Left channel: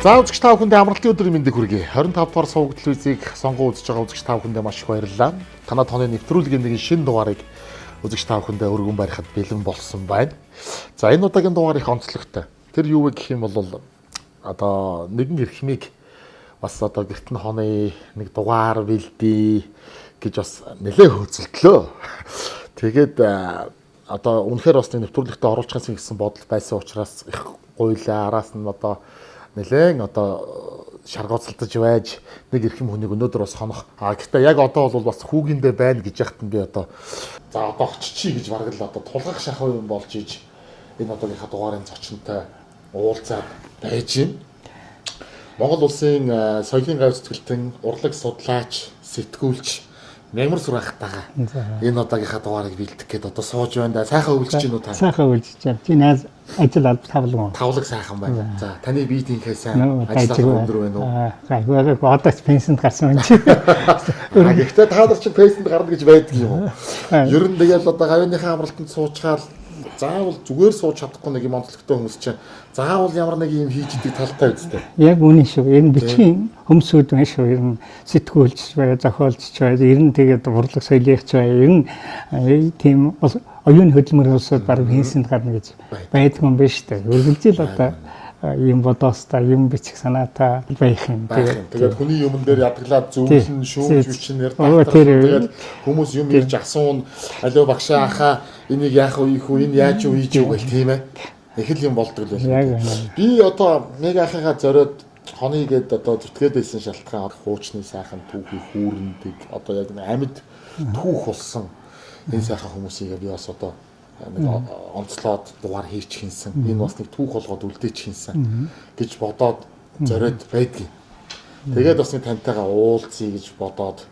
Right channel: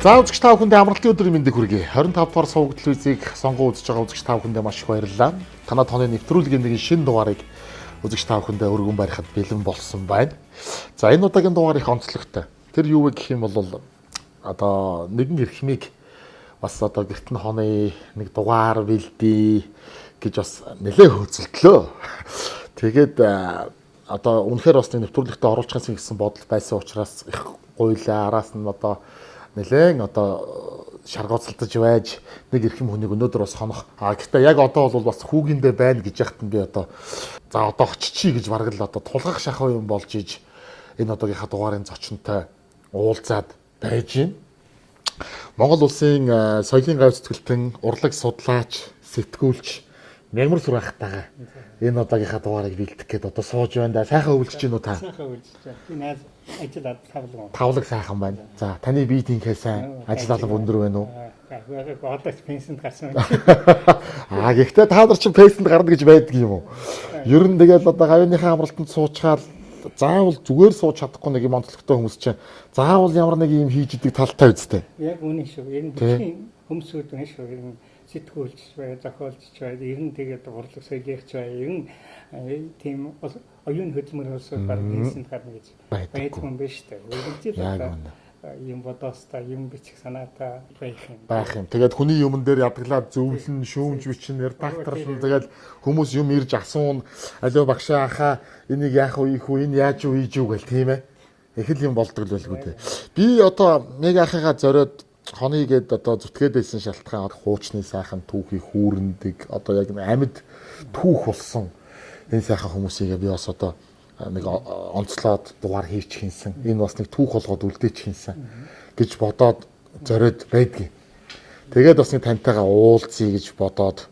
За үзэгч та бүхэндээ амралтын өдрийн мэндийг хүргэе. 25 дугаар суваг телевизийг сонгон үзэж байгаа үзэгч та бүхэндээ маш их баярлалаа. Танай тооны нэвтрүүлгийн нэгэн шинэ дугаарыг үзэгч та бүхэндээ өргөн барихад бэлэн болсон байна. За энэ удаагийн дугаар их онцлогтой. Тэр юу вэ гэх юм бол одоо нэгэн эрхмийг бас одоо гэртэн хооны нэг дугаар бэлдээ гэж бас нэлээд хөөцөлдлөө. Тэгээд одоо үнэхээр бас нэвтрүүлэгтээ оруулахаас гэсэн бодол байсан учраас их гуйлаа араас нь одоо нэлээд одоо шаргооцолдож байж нэг эрхэм хүнийг өнөөдөр бас хонох. Гэхдээ яг одоо бол бас хүүгиндээ байна гэж яхад нь би одоо за одоо очичи гэж бараг л одоо тулгах шахах юм болж иж энэ одоогийнхаа дугаарын зочинтой уулзаад байж байна. Монгол улсын соёлын гав зүтгэлтэн урлаг судлаач, сэтгүүлч Мямар Сүрхайтайгаа энэ одоогийнхаа дугаарыг бэлдэх гээд одоо сууж байна да. Сайхан өвлөж чинь үү та? Сайхан өвлөж байна. Чи найз ажил тавлаг. Тавлаг сайхан байна. За таны биетийнхээ сайн ажил өндөр байна уу? За одоо ч пенсэнд гарсан юм чи. Гэхдээ та нар ч пенсэнд гарна гэж байдаг юм уу? Ер нь тэгэл одоо гавьяаныхаа амралтанд суучгаал заавал зүгээр сууж чадахгүй нэг юм онцлогтой хүмүүс чинь заавал ямар нэг юм хийж идэг талтай үстэй. Яг үнэн шүү. Ер нь бичгийн хүмүүсүүд байна шүү. Ер нь сэтгүүлч бай, зохиолч бай, ер нь тэгээд урлаг соёлынч бай. Ер нь тийм оюуны хөдөлмөр улсууд баг пенсэнд гарна гэж байдаг юм байна шүү дээ. Үргэлжил одоо юм бодоостай юм бичих санаатай байх юм. Тэгээд хүний юмн дээр ядглаад зөвлөн шүүмж бичин ярьдаг. Тэгээд хүмүүс юм ярьж асуун алуу багшаа хаа энийг яах вэ хүү энэ яаж юу хийж юу гэл тийм ээ. Их л юм болдог л байна. Би одоо нэг ахыгаа зориод хоньгээд одоо зүтгээд байсан шалтгаан хуучны сайхан түүхий хүүрэндэг одоо яг амьд түүх болсон энэ сайхан хүмүүсийг би бас одоо нэг онцлоод дугаар хийч хийсэн. Энэ бас нэг түүх болгоод үлдээч хийсэн гэж бодоод зориод байдгийг. Тэгээд бас нэг тантайгаа уулзъя гэж бодоод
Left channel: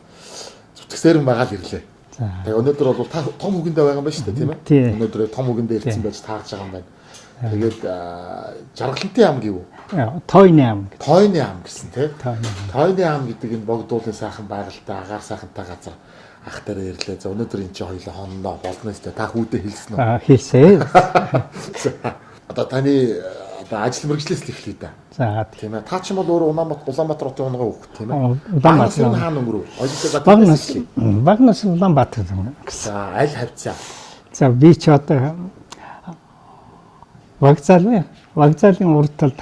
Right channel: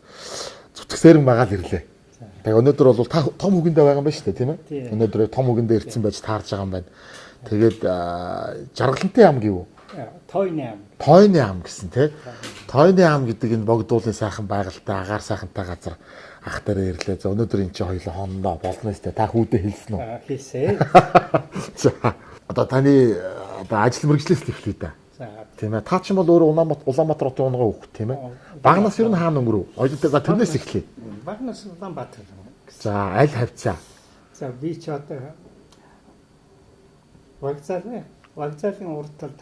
зүтгэсээр байгаа л ирлээ. Тэгээ өнөөдөр бол та том үгэндээ байгаа юм байна шүү дээ, тийм ээ? Өнөөдөр том үгэндээ ирсэн байж таарж байгаа юм байна. Тэгээд Жаргалантын ам гэв үү? Тойны ам. Тойны ам гэсэн тийм. Тойны ам гэдэг энэ богдуулын сайхан байгальтай агаар сайхантай газар ах тараа ирлээ. За өнөөдөр эн чинь хоёулаа хонондоо болно шүү дээ. Та хүүдээ хэлсэн үү? Хэлсэн. Одоо таны одоо ажил мэргэжлээс л эхлэе да. За тийм ээ. Та ч юм бол өөрөө Улаанбаатар хотын унган хүүхэд тийм ээ. Улаанбаатарын хаан өнгөрөв. Багнаас Улаанбаатар гэсэн. За аль хавцаа. За би ч одоо вокзалын урд талд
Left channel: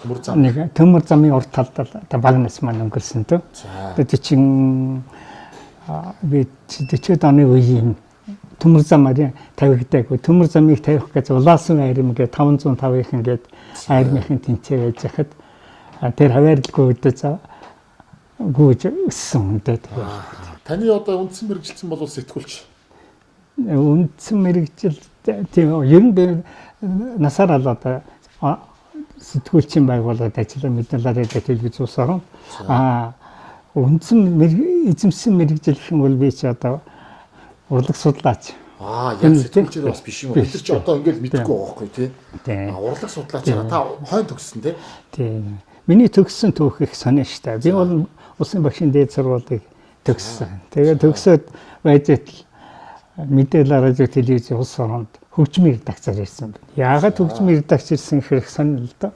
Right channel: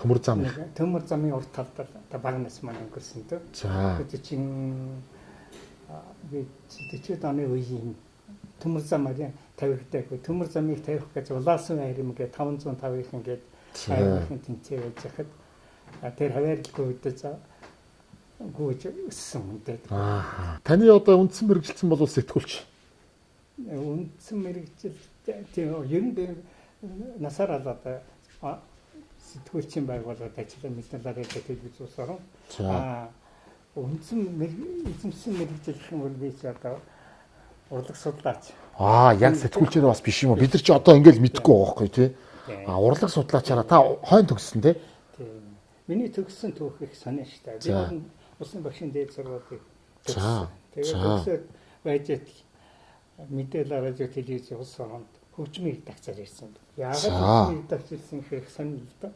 төмөр замын урд талд одоо Багнаас маань өнгөрсөн төв. Тэгээд чинь би 40-од оны үеийн төмөр замаар тавигдаагүй. Төмөр замыг тавих гэж улаасан айрам гээд 505-ын гээд айрмын тэнцээ байж хахад тэр хаваарлгүй өдөө гүйж өссөн үнтэй. Таны одоо үндсэн мэрэгжилсэн бол сэтгүүлч. Үндсэн мэрэгжил тийм ер нь би насаар л одоо сэтгүүлчийн байгууллагад ажиллаж мэдээлэл телевиз ус орон үндсэн эзэмсэн мэрэгжил гэх юм бол би ч одоо урлаг судлаач. Яг сэтгүүлчээр бас биш юм уу? Бид нар ч одоо ингээл мэдэхгүй байгаа байхгүй тий. Урлаг судлаачаараа та хойно төгссөн тий. Тийм. Миний төгссөн түүх их сонио штэ. Би бол улсын багшийн дээд сургуулийг төгссөн. Тэгээд төгсөөд байжэт мэдээлэл радио телевиз улс оронд хөгжмийн редакцаар ирсэн байна. Яагаад хөгжмийн редакц ирсэн хэрэг сонио л доо.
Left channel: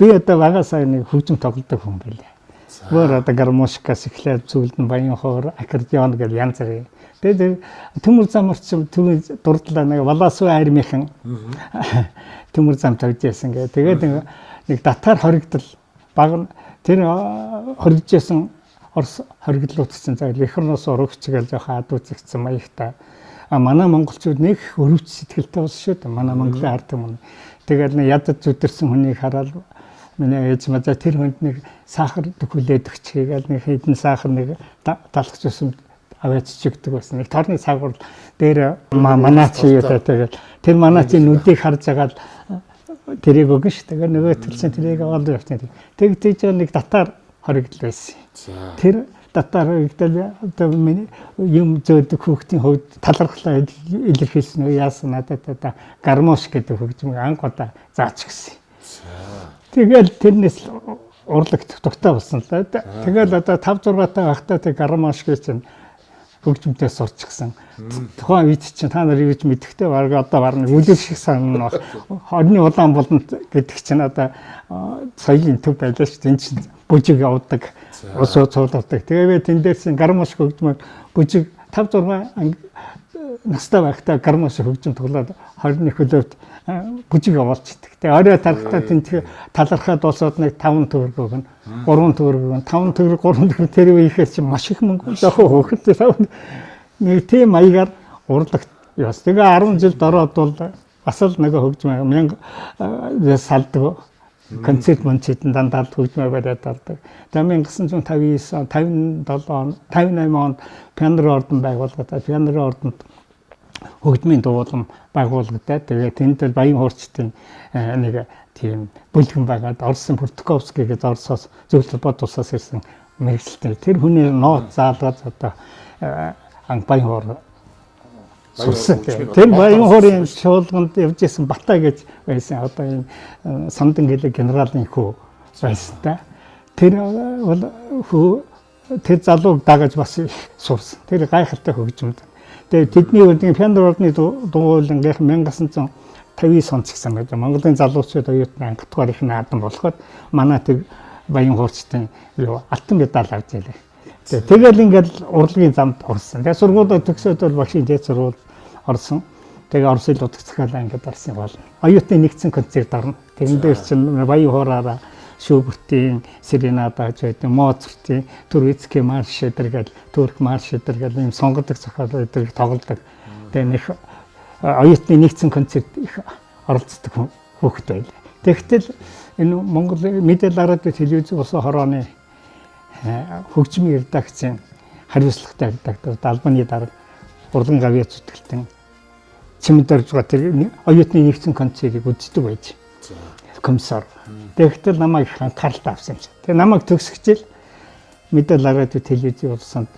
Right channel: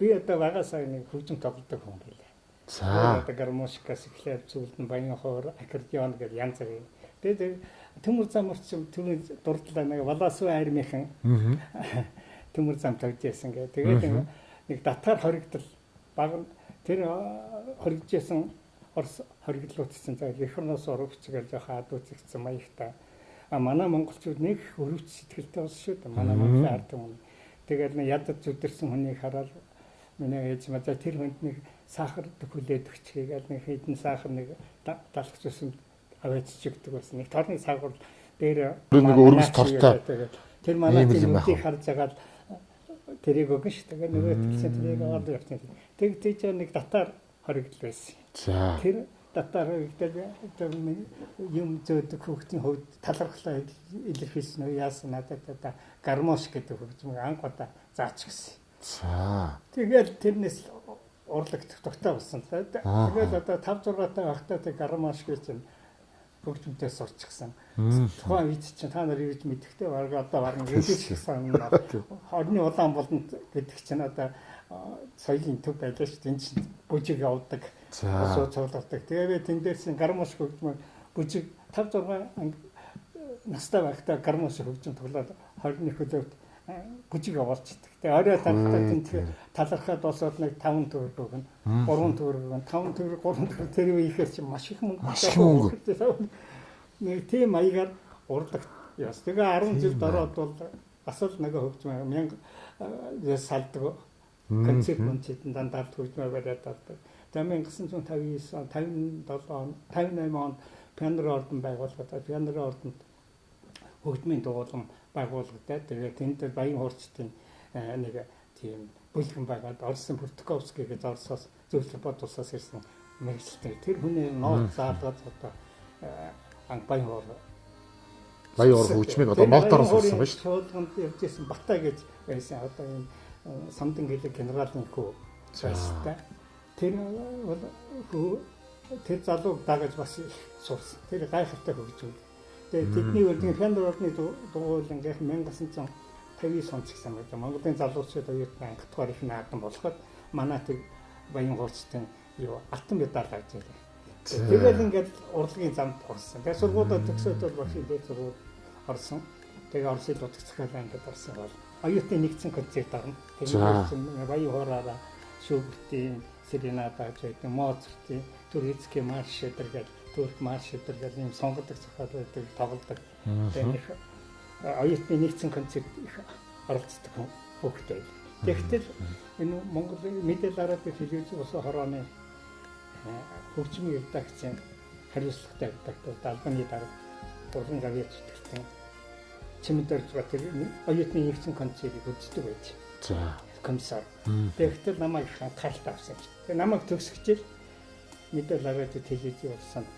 Би одоо багасаа нэг хөгжим тоглодог хүн байлаа. Өөр одоо гармошкас эхлээд зүйлд нь баян хоор аккордеон гэж янз бүрийн. Тэгээд төмөр замарч түүний дурдлаа нэг Валаасуу айрмынхан төмөр зам тавьж яасан гэ. Тэгээд нэг татар хоригдол баг тэр хоригдж яасан Орос хоригдлуудсан зайл эх орноос урагч гэж жоохон адууцэгдсэн маягтай. Манай монголчууд нэг өрөвч сэтгэлтэй болсон шүү дээ. Манай Монголын ард юм. Тэгээд нэг ядад зүдэрсэн хүнийг хараад миний ээж маа тэр хүнд нэг сахар дөхүүлээд өгч хийгээл нэг хэдэн сахар нэг талхаж өсөн аваач чигдэг байсан. Нэг торны сахар дээр манаач юутай тэгээд тэр манаач нүдийг харж байгаа л тэрийг өгнө шүү. Тэгээд нөгөө төрсэн тэрийг аваад явчихсан. Тэгж нэг татар хоригдл байсан. Тэр татар хоригдл одоо миний юм зөөдөг хүүхдийн хувьд талархлаа илэрхийлсэн яасан надад одоо гармош гэдэг хөгжмийг анхудаа заач гисэн. Тэгэл тэрнээс урлагт дутаа болсон л да. Тэгэл одоо 5 6 таа ахтаа тэг гармош гэж чинь хөгжмөнтэй сурчихсан. Тухайн үед чинь та нар юу гэж мэдхтэй баг одоо барна үлэл шиг санана. Хорны улаан болонд гэдэг чинь одоо соёлын төв байлаа шүү дээ. Энд чинь бүжиг явуулдаг, ус цуулдаг. Тэгээд тэн дээрс гармаш хөгжмөөр бүжиг 5-6 настай байхдаа гармаш хөгжим тоглоод 20-ны хөлөөд бүжиг явуулчихдаг. Тэгээ орой тарахтаа тэнцээ талархаад болсоод нэг 5 төгрөг өгнө. 3 төгрөг өгнө. 5 төгрөг 3 төгрөг тэр үеийнхээс чинь маш их мөнгө жоохоо хөөхтэй. Нэг тийм маягаар урлагт яс. Тэгээ 10 жилд ороод бол бас л нэг хөгжим 1000 салдаг концерт мөнчид дандаа хөгжмөө бариад алдаг. Тэгээ 1959 57 58 онд Пианрын ордон байгуулагдаад Пианрын ордонд хөгжмийн дуулам байгуулагдаад тэгээ тэнд баян хуурчдын нэг тийм бүлгэн байгаад Орсын Пуртковский гэж Оросоос зөвлөлт бод тусаас ирсэн мэрэгчлээ. Тэр хүний нот заалгаад одоо баян хуур тэр баян хуурын шуулганд явж исэн Батай гэж байсан. Одоо энэ Самдан гэлэг генералын хүү байсан та. Тэр бол тэр залууг дагаж бас сурсан. Тэр гайхалтай хөгжмөд. Тэгээ тэдний үлдгийн Пианрын ордны дуулангийнх 1959 он ч гэсэн байж Монголын залуучууд оюутны ангидугаар их наадам болоход манай тэг баян хуурчдын алтан медаль авч ялээ. Тэгэл ингээл урлагийн замд орсон. Тэгээ сургуулиуд төгсөөд бол багшийн дээд сургууль орсон. Тэгээ Оросын удаа захиалаа ингээд орсон бол оюутны нэгдсэн концерт орно. Тэрэн дээр чинь баян хуураараа Шүүбертийн серенада гэж байдаг, Моцартын Турецкий марш эдэргээл, Турк марш эдэргээл ийм сонгодог зохиол эдэрийг тоглодог. Тэгээ нэг оюутны нэгдсэн концерт их оролцдог хүүхэд байл. Тэгтэл энэ Монгол мэдээлэл радио телевизийн улсын хорооны хөгжмийн редакцийн хариуцлагатай редактор Албаны дарга Урлан Гавьяа зүтгэлтэн чимдэрж байгаа тэр оюутны нэгдсэн концертыг үздэг байж. Комиссар. Тэгтэл намайг анхааралтай авсан юм чи. Тэгээ намайг төгсгчээл мэдээлэл радио телевизийн улсанд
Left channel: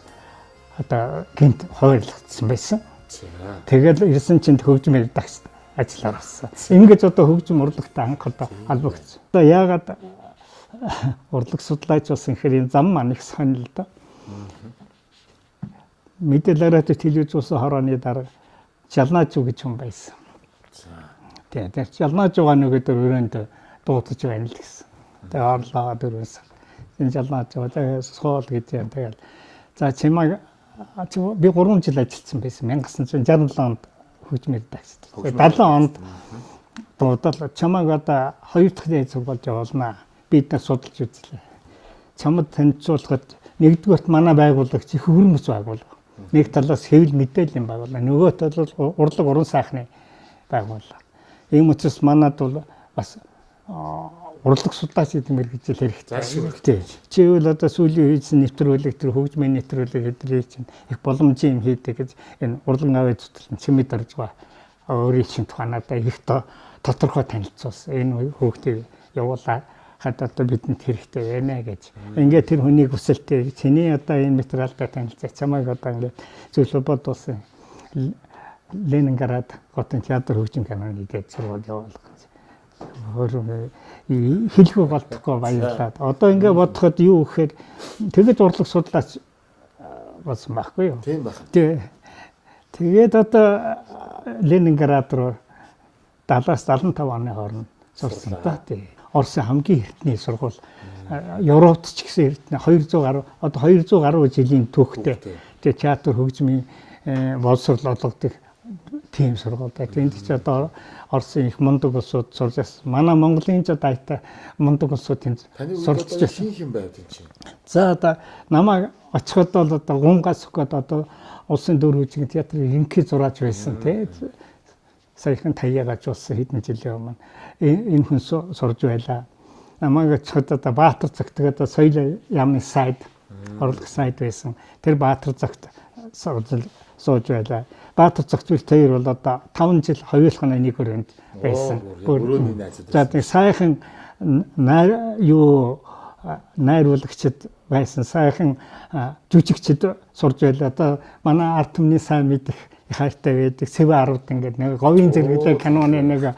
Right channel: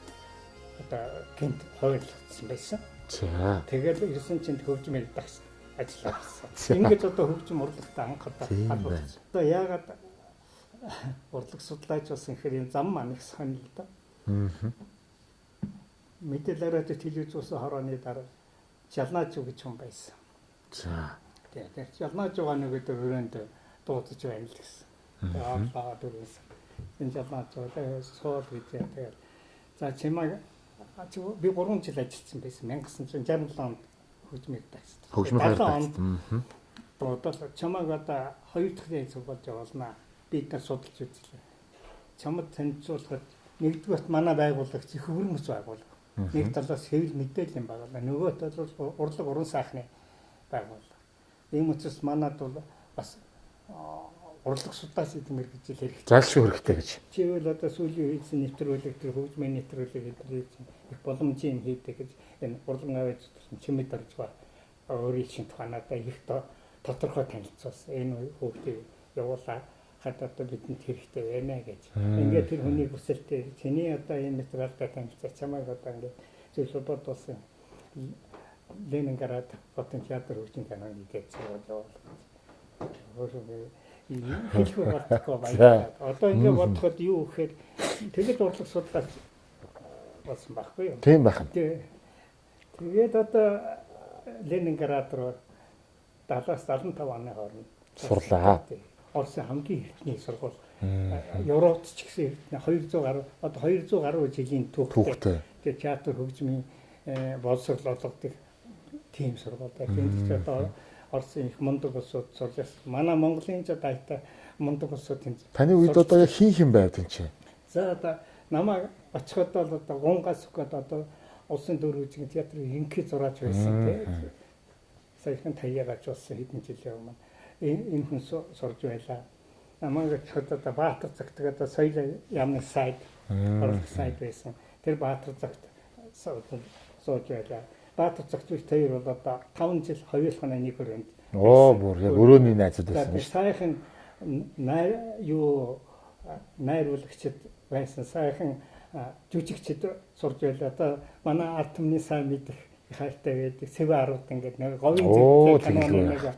одоо гинт хойрлогдсон байсан. Тэгэл ирсэн чинь хөгжмийн редакцид ажиллаар авсан. Ингэж одоо хөгжим урлагтай анх одоо холбогдсон. Одоо яагаад урлаг судлаач болсон гэхээр энэ зам маань их сонир л да. Мэдээлэл радио телевизийн улсын хорооны дарга Жалнаач гэж хүн байсан. Тэгээд Жалнаач байгаа нөгөөдөр өрөөнд дуудаж байна л гэсэн. Тэгээд орлоо дөрвөөс. Энэ Жалнаач байгаа суул гэж юм. Тэгээд за чимээ би 3 жил ажилласан байсан. 1967 онд хөгжмийн редакцид. 70 онд дуудал чамайг одоо 2 дахь дээд сургуульд явуулнаа. Бид нар судалж үзлээ. Чамд танилцуулахад нэгдүгээрт манай байгуулагч их хөрмөс байгуулга. Нэг талаас хэвлэл мэдээллийн байгууллага, нөгөө талаас урлаг уран сайхны байгууллага. Ийм учраас манад бол бас урлаг судлаач гэдэг мэргэжил хэрэгтэй. Хэрэгтэй. Чивэл одоо сүүлийн үеийн нэвтрүүлэг тэр хөгжмийн нэвтрүүлэг эдрийг чинь их боломжийн юм хийдэг гэж энэ урлагын аваа зүтгэл чимэд орж байгаа. Өөрийн чинь тухайнаа их тодорхой танилцуулсан. Энэ хүүхдийг явуулаад одоо бидэнд хэрэгтэй байна гэж. Ингээд тэр хүний хүсэлтэй чиний одоо энэ материалтай танилцаа чамайг одоо ингээд зөвлөө бодуулсан. Ленинград хотын театр хөгжим каноныг гэж сургууль явуулах. Хэлгүй болтгоо баярлаад. Одоо ингээд бодоход юу гэхээр тэгэж урлаг судлаач болсон байхгүй юу? Тийм байх. Тэгээд одоо Ленинград руу 70-75 оны хооронд сурлаа. Оросын хамгийн эртний сургууль Европт ч гэсэн эртний 200 гаруй одоо 200 гаруй жилийн түүхтэй. Тэгээд театр хөгжмийн боловсрол олгодог тийм сургууль. Тэнд ч одоо Оросын их мундаг улсууд сурж байсан. Манай Монголын ч одоо айта мундаг улсууд тэнд. Таны үед одоо хин байв энэ чинь. За одоо намайг очиход бол одоо гунгаас өгөөд одоо улсын дөр хөгжмийн театрын ерөнхий зураач байсан тийм. Саяхан таяагач болсон хэдэн жилийн өмнө энэ хүн сурж байлаа. Намайг очиход одоо Баатар цагт одоо соёл яамны сайд орлох сайд байсан. Тэр Баатар цагт сууж байлаа. Баатар цагт тэр бол одоо 5 жил хоёулахны нэг өрөөнд байсан. Өрөөний найзууд байсан. За сайхан найруулагчд байсан. Сайхан жүжигчд сурж байлаа. Одоо манай ард түмний сайн мэдих хайртай байдаг. Цэвэ 10-д ингээд нэг говийн зэрэглээ каноны нэг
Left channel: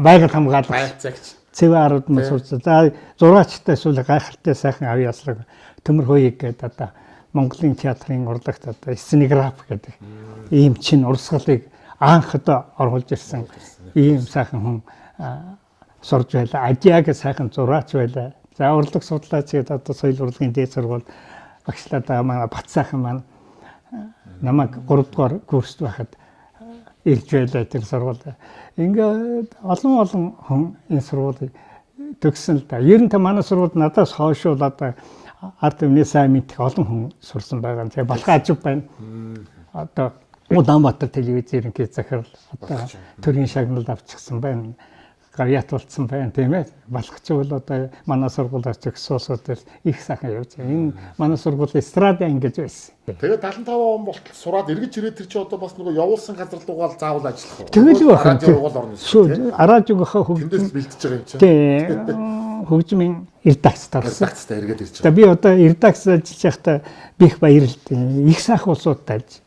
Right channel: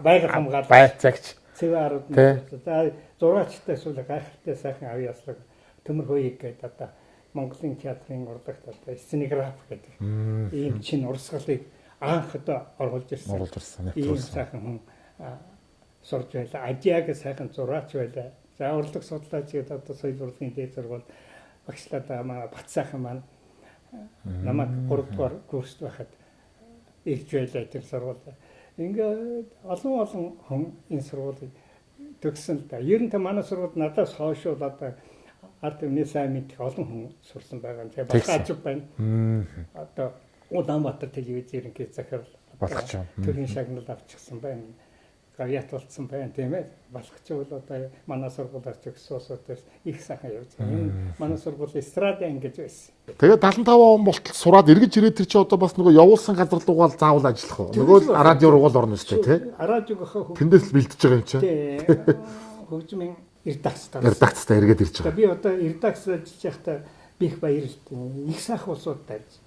байгаль хамгаалалт байцаагч цэвэ 10-д мөн сурч. За зураачтай эсвэл гайхалтай сайхан авьяаслаг төмөр хөөе гэдэг одоо Монголын театрын урлагт одоо сценограф гэдэг ийм чин урсгалыг анхад оруулж ирсэн. Ийм сайхан хүн сурж байлаа. Адиаг сайхан зураач байлаа. За урлаг судлаач гэдэг одоо соёл урлагийн дээд сургууль багшлаад байгаа манай Бат сайхан маань намайг 3 дугаар курст байхад ирж байлаа тэр сургуульд. Ингээд олон хүн энэ сургуулийг төгссөн л да. Ер нь та манай сургуульд надаас хойш бол одоо арт өмнө сайн мэдэх олон хүн сурсан байгаа. Тэгээ балга ажив байна. Одоо Улаанбаатар телевиз ерөнхий захирал одоо төрийн шагналд авчихсан байна. Гавьяат болцсон байна тийм ээ. Балгач бол одоо манай сургуулиар ч гисуусуудаар их сайхан явж байгаа. Энэ манай сургуулийн эстрада ингэж байсан. Тэгээд 75 он болтол сураад эргэж ирээд тэр чи одоо бас нөгөө явуулсан газар руугаа заавал ажиллах уу? Радио руугаа орно шүү дээ. Радиогийнхаа тэндээс бэлдэж байгаа юм чинь. Тийм. Хөгжмийн редакцтай. Редакцтай эргээд ирж байгаа. Би одоо редакц ажиллаж байхдаа би их баярлалтай. Их сайхан улсуудтай ажиллаж.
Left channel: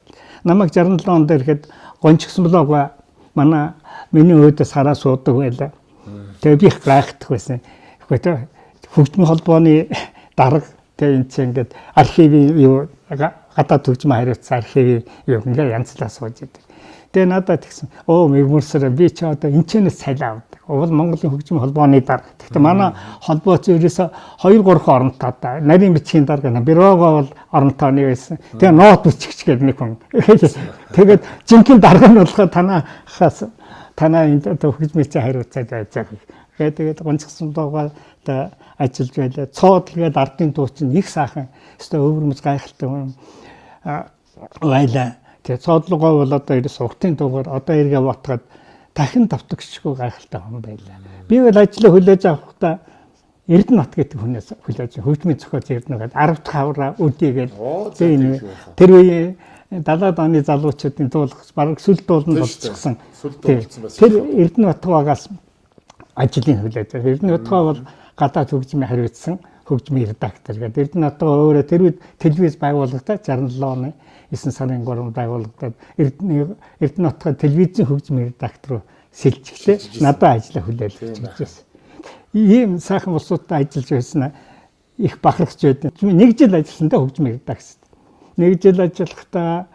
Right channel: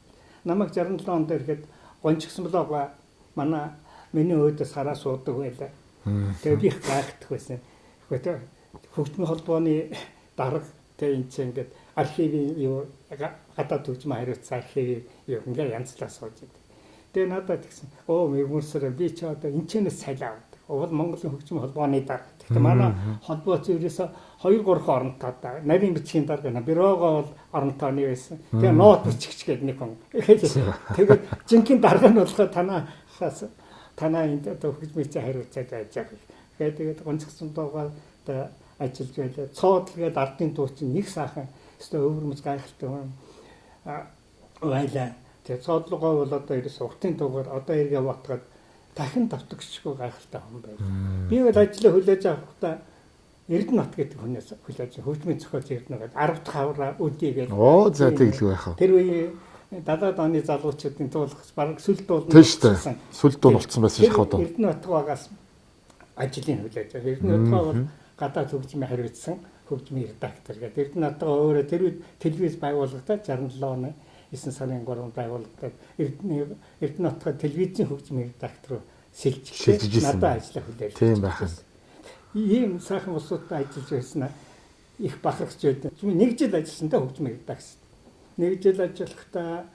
Намайг 67 онд ирэхэд гончгсон блог манай миний өөдөөс хараа суудаг байлаа. Тэгээ би их гайхдаг байсан. Гэхдээ хөгжмийн холбооны дарга тэгээ энэ чинь ингээд архивын юу гадаад хөгжмийн хариуцсан архивын юу ингээ янзлаа сууж идэв. Тэгээ надад тэгсэн. Мөрсөрөө би ч одоо энэ чэнэс цайлаа авдаг. Уул Монголын хөгжмийн холбооны дарга. Гэхдээ манай холбоо зөвөөсөө 2-3 оронтой да. Нарийн бичгийн дарга бюрого бол оронтойны байсан. Тэгээ ноот бичгч гэдэг нэг хүн. Тэгээд жинхэнэ дарга нь болохоо танаа энэ хөгжмийн хариуцаад байж байгаа. Тэгээд гонцгсон байгаа одоо ажиллаж байлаа. Цоод тэгээд ардын дуу чинь их сайхан. Өстой өвөрмөц гайхалтай юм. Байлаа. Тэгээ цоодлогоо бол одоо ерөөс уртын дуугаар одоо эргээ ботгаад дахин давтагчгүй гайхалтай хүн байлаа. Би бол ажлаа хүлээж авахдаа Эрдэнэт гэдэг хүнээс хүлээж хөгжмийн зохиолч Эрдэнэт 10 дахь авраа үдийгээл. Тэр үеийн 70-аад оны залуучуудын дуулах бараг сүл дуулна болсон. Сүл дуулсан байсан их одоо. Эрдэнэт багаас ажлын хүлээж. Эрдэнэт бол гадаад хөгжмийн хариуцсан хөгжмийн редактор гэдэг. Эрдэнэт өөрөө тэр үед телевиз байгуулагдаад 67 оны 9 сарын 3-нд байгуулагдаад Эрдэнэтийн телевизийн хөгжмийн редактор сэлжчихлээ. Надад ажиллаа хүлээл хийчихсэн. Ийм сайхан улсуудтай ажиллаж байсан их бахархж байдаг. Нэг жил ажилласан та хөгжмийн редакцид. Нэг жил ажиллахдаа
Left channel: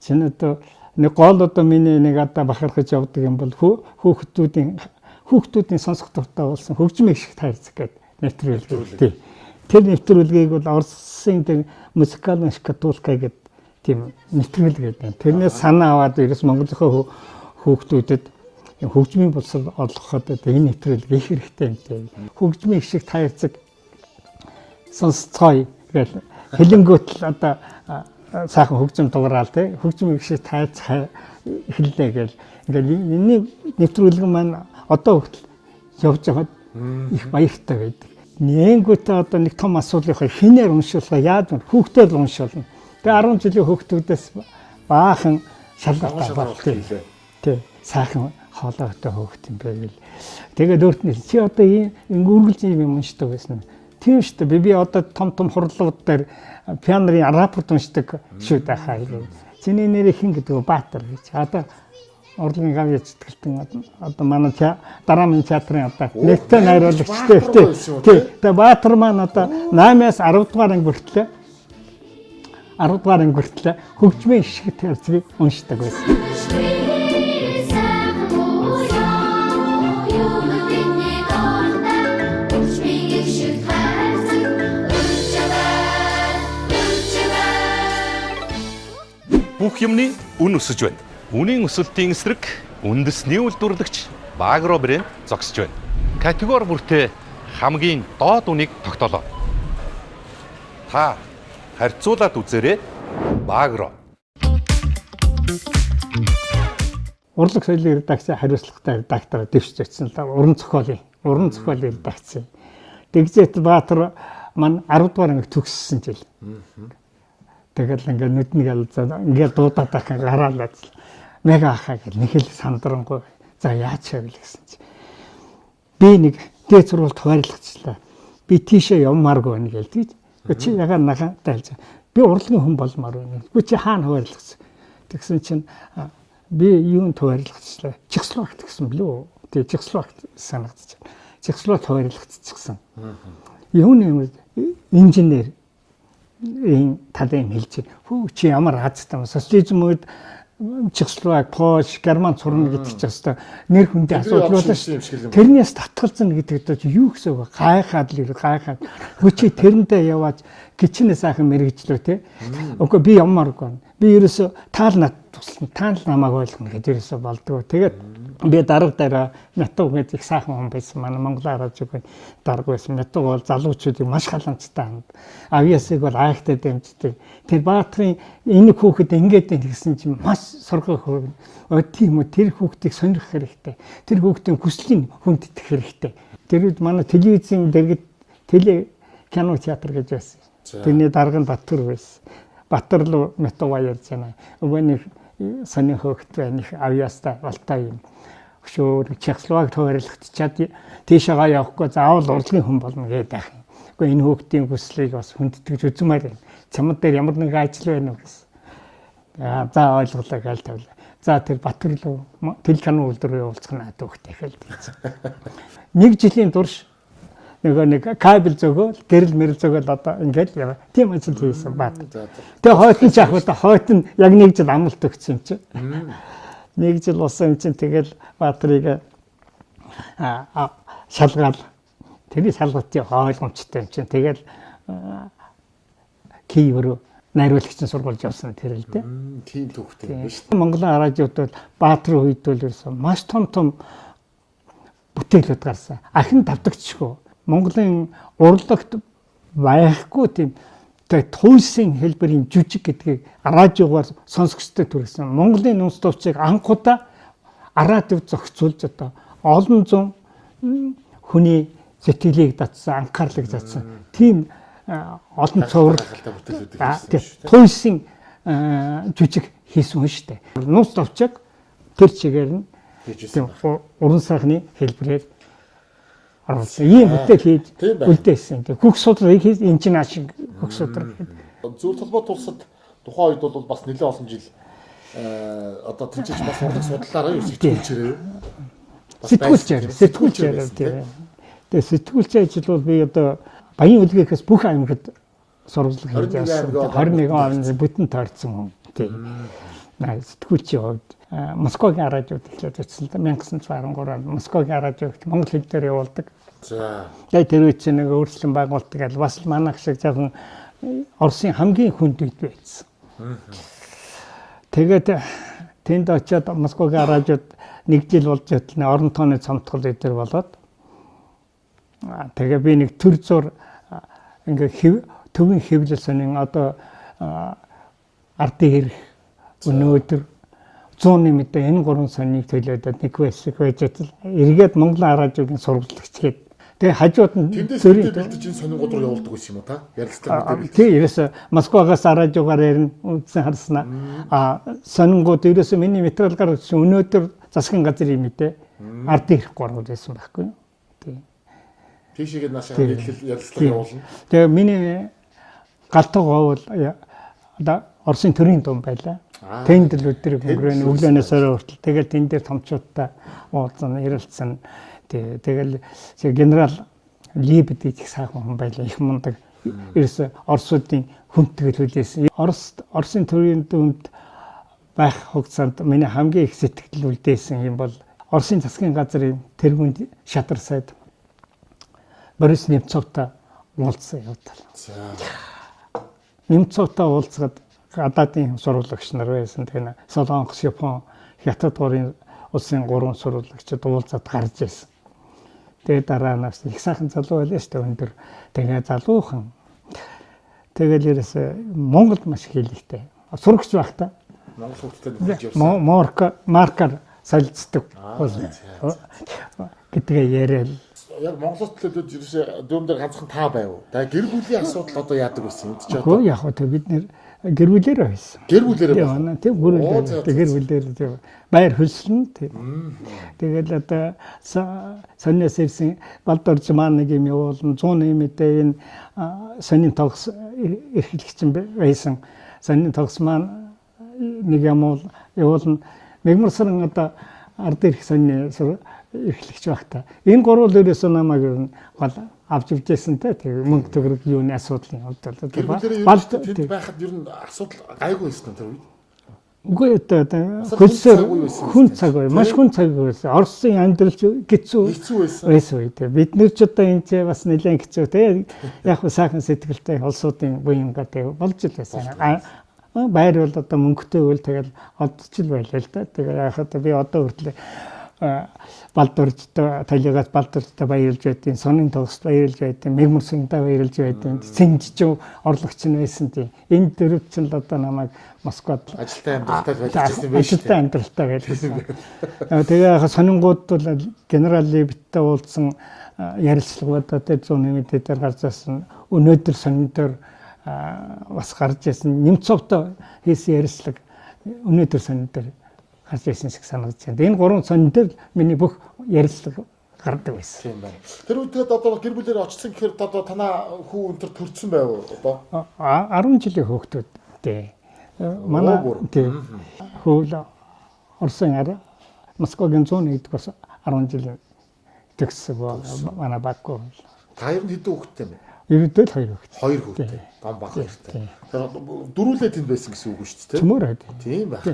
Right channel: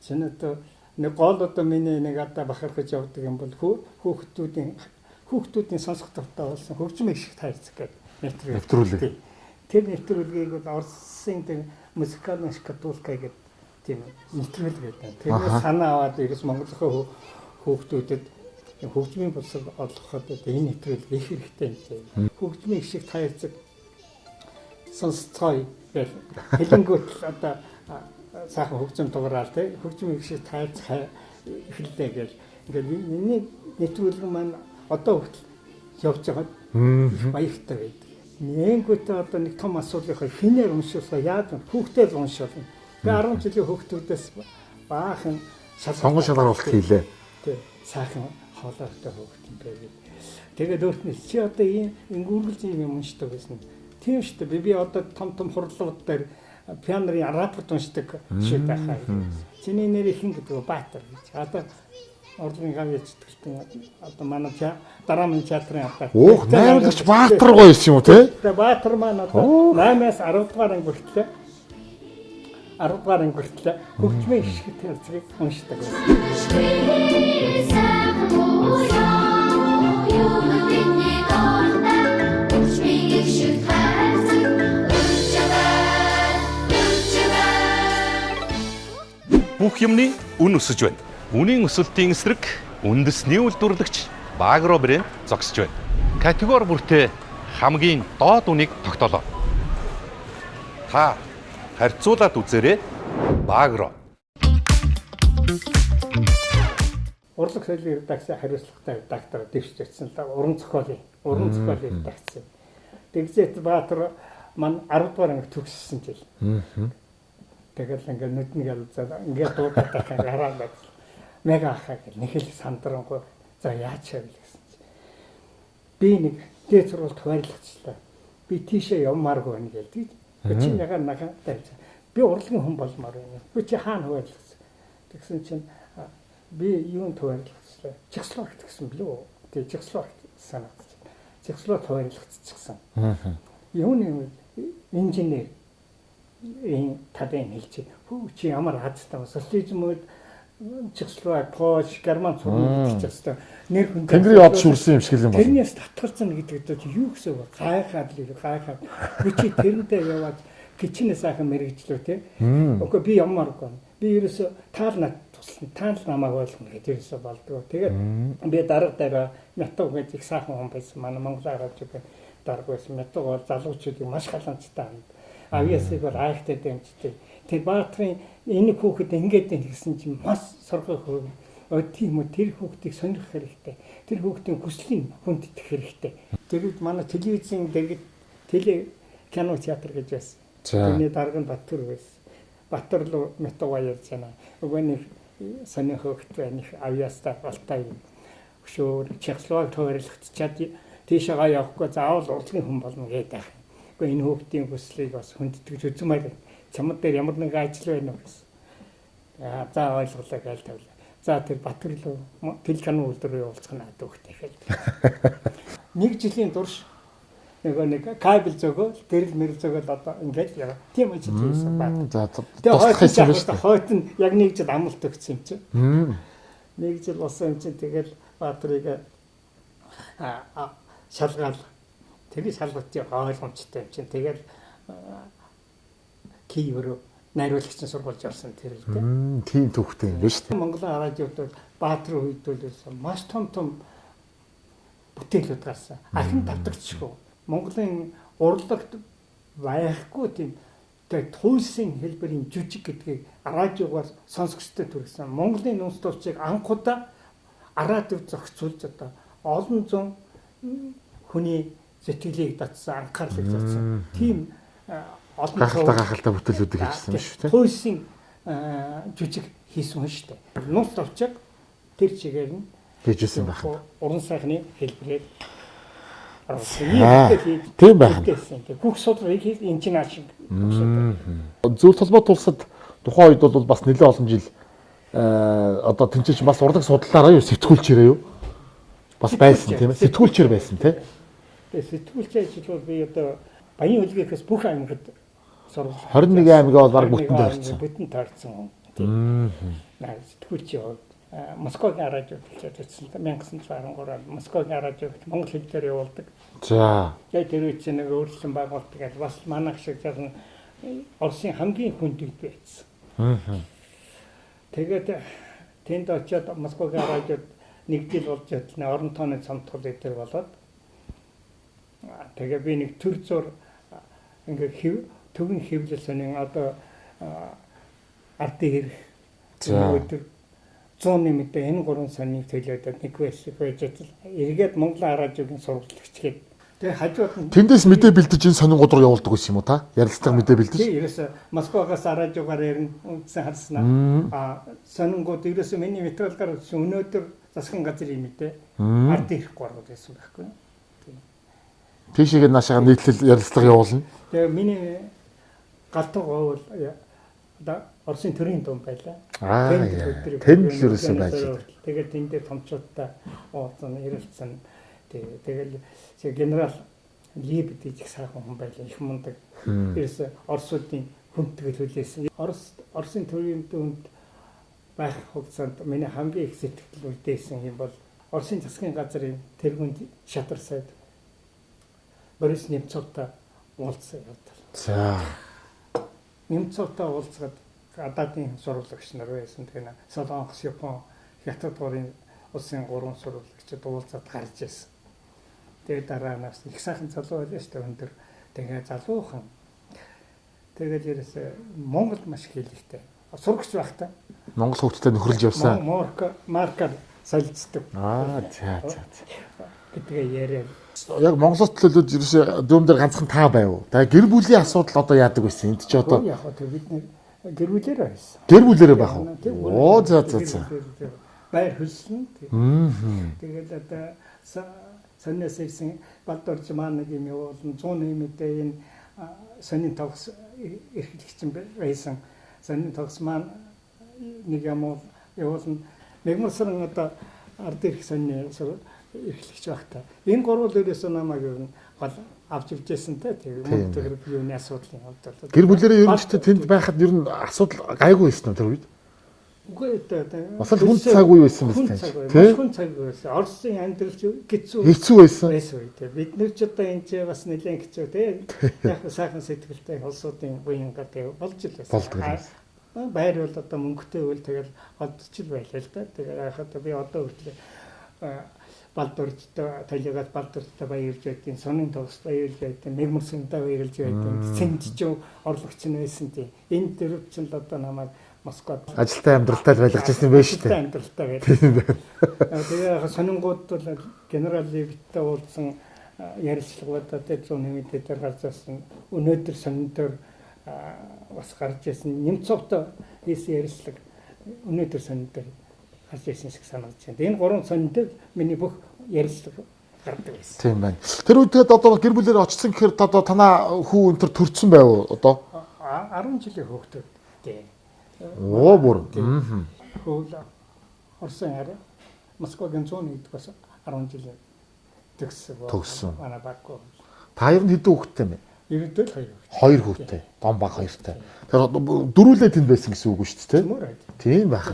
чинь одоо нэг гол одоо миний нэг одоо бахархаж явдаг юм бол хүүхдүүдийн сонсох дуртай болсон хөгжмийн гişг таарцаг гэдэг нэвтрүүлэг. Тэр нэвтрүүлгийг бол Оросын тэр музыкальная шкатулка гэдэг тийм нэвтрүүлэг гэдэг. Тэрнээс санаа аваад ерөөс Монголынхаа хүүхдүүдэд хөгжмийн боловсрол олгоход энэ нэвтрүүлэг их хэрэгтэй юм. Хөгжмийн гişг таарцаг сонсцгоё гэж хэлэнгүүт л одоо сайхан хөгжим дугараал тий хөгжмийн гişг таарцах эхэллээ гэж ингээл энэ нэвтрүүлэг маань одоо хүртэл явж байгаад их баяртай байдаг. Нэнгүүтээ одоо нэг том асуулах хинээр уншуулах яаж вэ? Хүүхдээр уншуулна. Тэгээ 10 жилийн хүүхдүүдээс баахан шалгаруулалт хийлээ. Тий сайхан хоолойтой хүүхд юм байвал. Тэгээд өөрт нь чи одоо энэ үргэлж юм уншдаг байсан. Тийм шүү дээ. Би одоо том хурлууд дээр пианорын рапорт уншдаг шүү дээ хаа. Чиний нэр хин гэдэг Баатар гэж. Одоо урлагийн гавьяа зүтгэлтэн одоо манай дараамын театрын одоо Баатар гоё юм уу тий? Тэгээ Баатар маань одоо 8-аас 10 дугаар анги хүртэл 10 дугаар анги хүртэл хөгжмийн гişг таарцгийг уншдаг байсан. Бүх юмны үн өсөж байна. Үнийн өсөлтийн эсрэг үндэсний үйлдвэрлэгч Багро брэнд зогсож байна. Категори бүртээ хамгийн доод үнийг тогтоолоо. Та харьцуулаад үзээрэй. Багро. Урлаг соёлын редакцийн хариуцлагатай редактор дэвшиж очсон л уран зохиолын редакцийн. Тэгзэт Баатар маань 10 дугаар анги төгссөн жил. Тэгэл ингээд нүднийг алзаа ингээд дуудаад байх ингээд хараалаад мега ахаа гэл нэг л сандрангуй. За яаж шавл гэсэн чи. Би нэг дээд сургуульд хуваарлагдчихлаа. Би тийшээ явмааргүй байна гээл тийж. Чи ягаад нахаа тайлж. Би урлагийн хүн болмоор байна. Би чи хаана хуваарлагдсан. Тэгсэн чинь би юунд хуваарлагдчихлаа. Чехословакт гэсэн блүү. Тэгээ Чехословакт санагдчих. Чехословакт хуваарлагдчихсан. Юуны инженер ийм талын хэлж байна. Хөө чи ямар хазтай социализм үед Чехословак, Польш, Герман сурна гэдэг чинь хэвээр нэр хүндээ Тэнгэрийн од шүүсэн юм шиг л юм байна. тэрнээс татгалзсан гэдэг чинь юу гэсэн үг вэ? Гайхаад л гайхаад. Хүчи тэрэндээ яваад гिचнээ сайхан мэрэгжлөө те. Үгүй би ямааргүй. Би ерөөсө таал над туслана. Таал намайг ойлгоно гэдэг ерөөсө болдгоо. Тэгээд би дарга дараа Мятуг гэдэг их сайхан хүн байсан. Манай Монголоор авч байгаа дарга байсан. Мятуг бол залуучуудыг маш халамжтай ханд. Авьяасыг бол айхтай дэмждэг. Тэр Баатрын энэ хүүхэд ингэж гэсэн чинь маш сургах хөрөв. Тийм үү тэр хүүхдийг сонирх хэрэгтэй. Тэр хүүхдийн хүслийн хүндэтгэх хэрэгтэй. Тэр үед манай телевизийн дэргэд кино театр гэж байсан. Тэрний дарга нь Батүр байсан. Батүр руу Мятуга ярьж байна. Өвөө нэг сони хөөхт байна. Их авьяастай болтой юм. Өшөөр Чехословак тойролцоод тийшээгаа явахгүй заавал урлагийн хүн болно гэдэг байх юм. Гэхдээ энэ хүүхдийн хүслийг бас хүндэтгэж үзмээр байна. Чамд дээр ямар нэг ажил байна уу гэсэн. За ойлголоо гээл тавлаа. За тэр Батүр руу телеканал үйлдвэр явуулцах надад хүүхдээ хэлдэг. Нэг жилийн турш нэг кабель зөгөөл, гэрэл мэрэл зөгөөл одоо ингээд яа. Тийм ажил хийсэн бат. Тэгээ хойтон яг нэг жил амлалт өгсөн юм чи. Нэг жил болсон юм чинь тэгэл Баатрыг шалгаал. Тэр шалгалтын ойлгомжтой юм чинь. Тэгэл Киев руу найруулагчийн сургуульд явсан тэр л дээ. Тийм төвхтэй юм байна шүү дээ. Монголын радиод бол Баатрын үед бол ерөөсөн маш том бүтээлүүд гарсан. Ахин давтагчгүй. Монголын урлагт байхгүй тийм туйсын хэлбэрийн жүжиг гэдгийг радиогоор сонсогчтой төрсөн. Монголын нүнс төвчийг анхудаа радиод зохицуулж одоо олон зуун хүний сэтгэлийг татсан, анхаарлыг татсан. Тийм олон цовруг гахалтай бүтээлүүдийг хийсэн шүү дээ. Туйсын жүжиг хийсэн хүн шүү дээ. Нүнс төвчийг тэр чигээр нь хийжсэн байна. Уран сайхны хэлбэрээр ийм бүтээл хийж үлдээсэн. Хүүхд судрыг хийж энэ чинь ашиг хүүхд судрыг. Зөв толгой тулсад тухайн үед бол бас нэлээд олон жил одоо тэнцэж бас урлаг судлаараа юу сэтгүүлчээрээ юу? Бас байсан тийм ээ. Сэтгүүлчээр байсан тийм. Тэгээ сэтгүүлч ажил бол би одоо Баян үлгээс бүх аймагт сурвалж 21 аймаг бол бүтэн таарсан хүн. Тийм. Сэтгүүлч яваад Москвагийн радиод эхлээд очсон. 1913 онд Москвагийн радиогт монгол хэл дээр явуулдаг. За. Тэгээд тэр үед чинь нэг өөрчлөлт байгуулдаг гал бас манайх шиг жоохон Оросын хамгийн хүнд үед байсан. Тэгээд тэнд очиод Москвагийн радиод нэг жил болж байтлаа орон тооны цомтгол дээр болоод тэгээ би нэг төр зур ингээ төвийн хэвлэл сонин одоо ардын хэрэг өнөөдөр 100-ны мэдээ энэ гурван соныг төлөөдөд нэг байсан байж эргээд Монголын радиогийн сурвалжлагч гээд тэгээ хажууд нь тэндээс мэдээ бэлдэж энэ сонин гол руу явуулдаг байсан юм уу та? Ярилцлага мэдээ бэлдэж. Тийм ерөөсө Москвагаас радиогоор ярина үндсэн харснаа. Сонингууд ерөөсө миний материалгаар өнөөдөр засгийн газрын мэдээ ардын хэрэг гурван байсан байхгүй юу? Тийм. Тийшээгээ наашаа нийтлэл ярилцлага явуулна. Тэгээ миний галтгоо бол одоо Оросын төрийн дум байлаа. Тендерлүүд дээр өглөөнөөс өрөө хүртэл тэгэл тэн дээр томчуудтай уулзсан, ярилцсан. Тэгэл генерал Либед их сайхан хүн байлаа. Их мундаг. Ерөөсө Оросуудын хүндтгэл хүлээсэн. Оросын төрийн дүнд байх хугацаанд миний хамгийн их сэтгэл үлдээсэн юм бол Оросын засгийн газрын тэргүүнд шатар сайд Борис Немцовтой уулзсан явдал. За. Немцовтой уулзгаад гадаадын сурвалжлагч нар байсан. Тэгээ Солонгос, Япон, Хятад гурийн улсын гурван сурвалжлагчид уулзаад гарч ирсэн. Тэгээ дараа нас их сайхан залуу байлаа шүү дээ өндөр. Тэгээ залуухан. Тэгэл ерөөсө Монголд маш хэлэхтэй. Сурагч байхдаа Монгол хүүхдтэй нөхөрлж явсан. Маркаар солилцдог. Гэдгээ яриад. Яг Монголд төлөөд ерөөсө дүүм дээр ганцхан та байв. Тэгээ гэр бүлийн асуудал одоо яадаг байсан энд ч одоо. Яг хөө бид нэр гэр бүлээр байсан. Гэр бүлээрээ байна. Тийм гэр бүлээр байр хөлсөн. Тэгэл одоо сонноос ирсэн Балдорж маань нэг юм явуулна 100 мэдээ энэ сонин тогс эрхлэгч байсан. Сонин тогс маань нэг юм явуулна. Мэгмарсаран одоо ард ирэх сонны эрхлэгч багтаа. Энэ гурвал ерөөсөө намайг гол авч явжсэн те. Тэгээ мөнгө төгрөг юуны асуудлын хувьд бол Гэр бүлэрээ ерөнхийдөө тэнд байхад ер нь асуудал гайгүй байсан тэр үед. үгүй одоо Хүн цаг үе байсан. хүн цаг үе маш хүн цаг үе байсан. Орсын амьдралч Хэцүү байсан. үед бид нэр ч одоо энэ ч бас нэлээд хэцүү те. Яг нь сайхан сэтгэлтэй улсуудын буянга те болж л байсан. Байр бол одоо мөнгөтэй үйл тэгэл одчил байлаа л да. Тэгээ яг одоо би одоо хүртэл Балдуурчтай талигаас Балдуурчтай баярлж байдیں۔ Сонин тогс баярлж байдیں۔ Мэгмүрсэнтэй баярлж байдیں۔ Цэнгжиж орлогч нь байсан тийм. Энэ дөрөв чинь л одоо намайг Москвад Ажилтай амьдралтай л байлж ирсэн байх шүү ажилтай амьдралтай байлаа. Тэгээ яг сонингууд бол генерал Левиттэй уулзсан ярилцлагуудаа тэр 100 нэмэд дээр гарч ирсэн. Өнөөдөр сонин дээр бас гарч ирсэн. Немцовтой хийсэн ярилцлага өнөөдөр сонин дээр гарч ирсэн шиг санагдаж байна. Энэ гурван сонин дээр миний бүх ярилцлага гардаг байсан. Тийм байна. Тэр үед тэгээд одоо гэр бүлээр очсон гэхээр одоо танаа хүү өнтер төрсэн байв уу одоо? 10 жилийн хүүхдүүдтэй. Бүр. Хөл Орсын арай Москвагийн 101-д бас 10 жил төгссөн манай баггүй. Та ер нь хэдэн хүүхэдтэй юм бэ? Ерөнхийдөө 2 хүүхэд. 2 хүүхэдтэй. Дом баг хоёртай. Тэгэхээр дөрүүлээ тэнд байсан гэсэн үг шүү дээ. Төмөр байд. Тийм байх.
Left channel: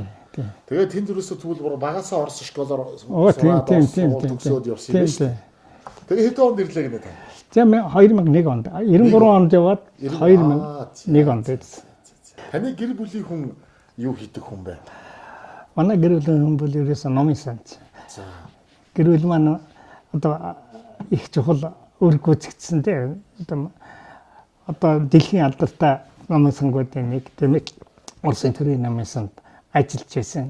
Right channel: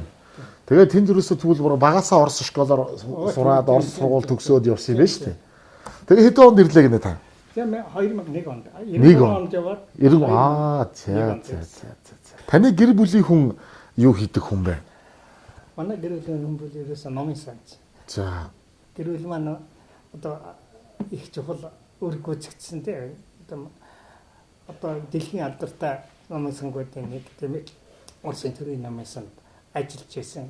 Тэгээд тэнд юусоо тэгвэл багасаа орсон школоор сураад сургууль төгсөөд явсан юм байна шүү дээ. Тэгээ хэдэн онд ирлээ гэнэ та? Тийм 2001 онд 93 онд яваад 2001 онд ирсэн. Таны гэр бүлийн хүн юу хийдэг хүн бэ? Манай гэр бүлийн хүн бол ерөөсөө номын санч. За. Гэр бүл маань одоо их чухал өөргөө зэгцсэн тийм. Одоо дэлхийн алдартай номын сангуудын нэг тийм Орсын төрийн номын санд ажиллаж байсан.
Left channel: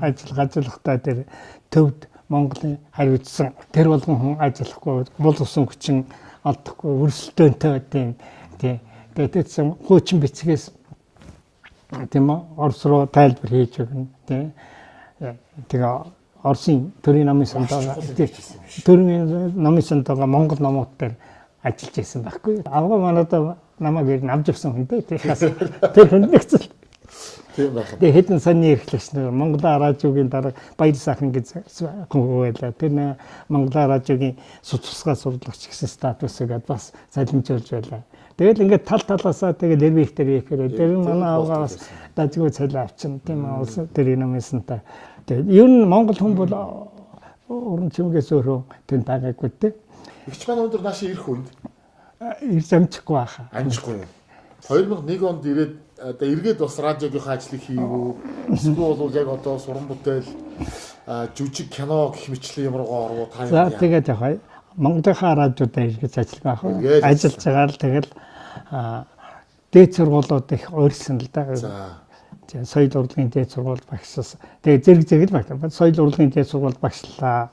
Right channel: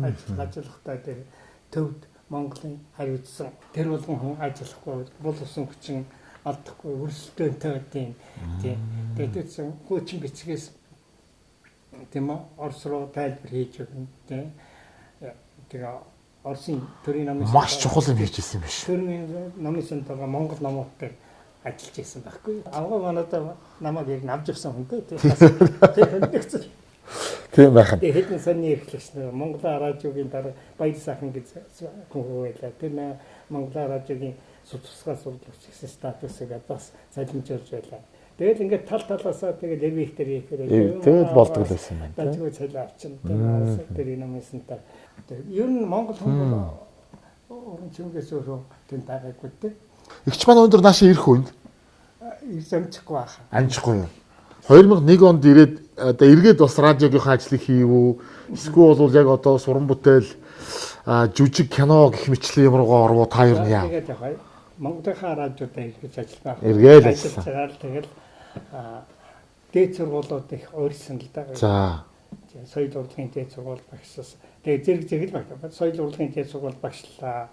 Ажиллахдаа тэр төвд Монголын хариуцсан тэр болгон хүн ажиллахгүй бул усан хүчин олдохгүй өрсөлдөөнтэй тийм. Тэгээд хуучин бичгээс тийм Орос руу тайлбар хийж өгнө тийм. Тэгээ Оросын төрийн номын санд маш чухал юм хийжсэн юм биш. Төрийн номын санд Монгол номууд дээр ажиллаж байсан байхгүй. Авгаа манайда намайг авч явсан хүн дээ. Тэр хүн нэгцэл. Тийм байх. Тэгээ хэдэн саний эрхлэгч нэг Монголын радиогийн дараа Баяр сайхан гэж хүн байлаа. Тэр Монголын радиогийн судалгаа сурлагч гэсэн статусыг бас залимжуулж байлаа. Тэгэл ингээд тал талаасаа тэгээд левиктер ихээр дажгүй цалин авчин тийм улс төрийн номын сантаа. Тэгээд ер нь Монгол хүн бол уран чимгээс өөрөө тэнд байгаагүй дээ. Игч маань өндөр наашаа ирэх үнд Ирж амжихгүй байхаа. амжихгүй юу? 2001 онд ирээд одоо эргээд бас радиогийнхаа ажлыг хийв. Эсвэл бол яг одоо суран бүтээл жүжиг кино гэх мэтлэн юмруугаа орвоо та юу яа. Тэгээд яг Монголынхаа радиудаа иргэж ажиллах Эргээд ажиллаж байгаа л тэгэл дээд сургуулиуд их уурсан л да. За. Соёл урлагийн дээд сургууль багшлсан. Тэгээд зэрэг баг. Соёл урлагийн дээд сургууль багшлаа.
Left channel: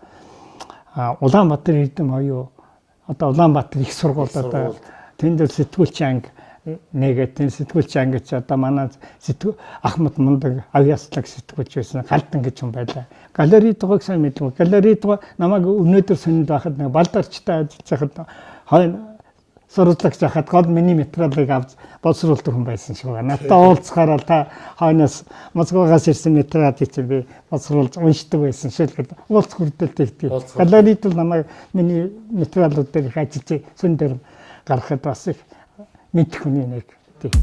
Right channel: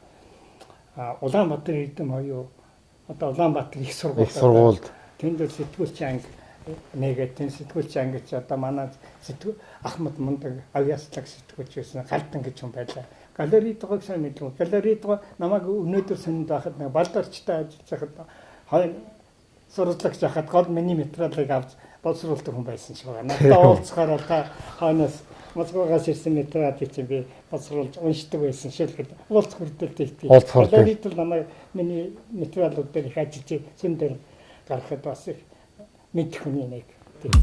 Улаанбаатар эрдэм хоёроо одоо Улаанбаатар их сургууль. Тэнд сэтгүүлч анги нэгэт сэтгүүлч анги ч одоо манай Ахмад Мундаг авьяаслаг сэтгүүлч байсан. Галдан гэж хүн байлаа. Галерейд байгааг сайн мэдгүй. Галерейд намайг өнөөдөр сонинд байхад нэг балдарчтай ажиллаж байхад хойно сурвалжлагч байхад гол миний материалыг авч боловсруулдаг хүн байсан шүү. Надад уулзахаар та хойноос Москвагаас ирсэн материалыг чинь би боловсруулж уншдаг байсан шүү гэдэг. Уулз хүрдэлтэй тийм. Галерейд бол намайг миний материалууд дээр их ажиллаж сөн дээр гаргахад бас их мэдэх хүний нэг тийм.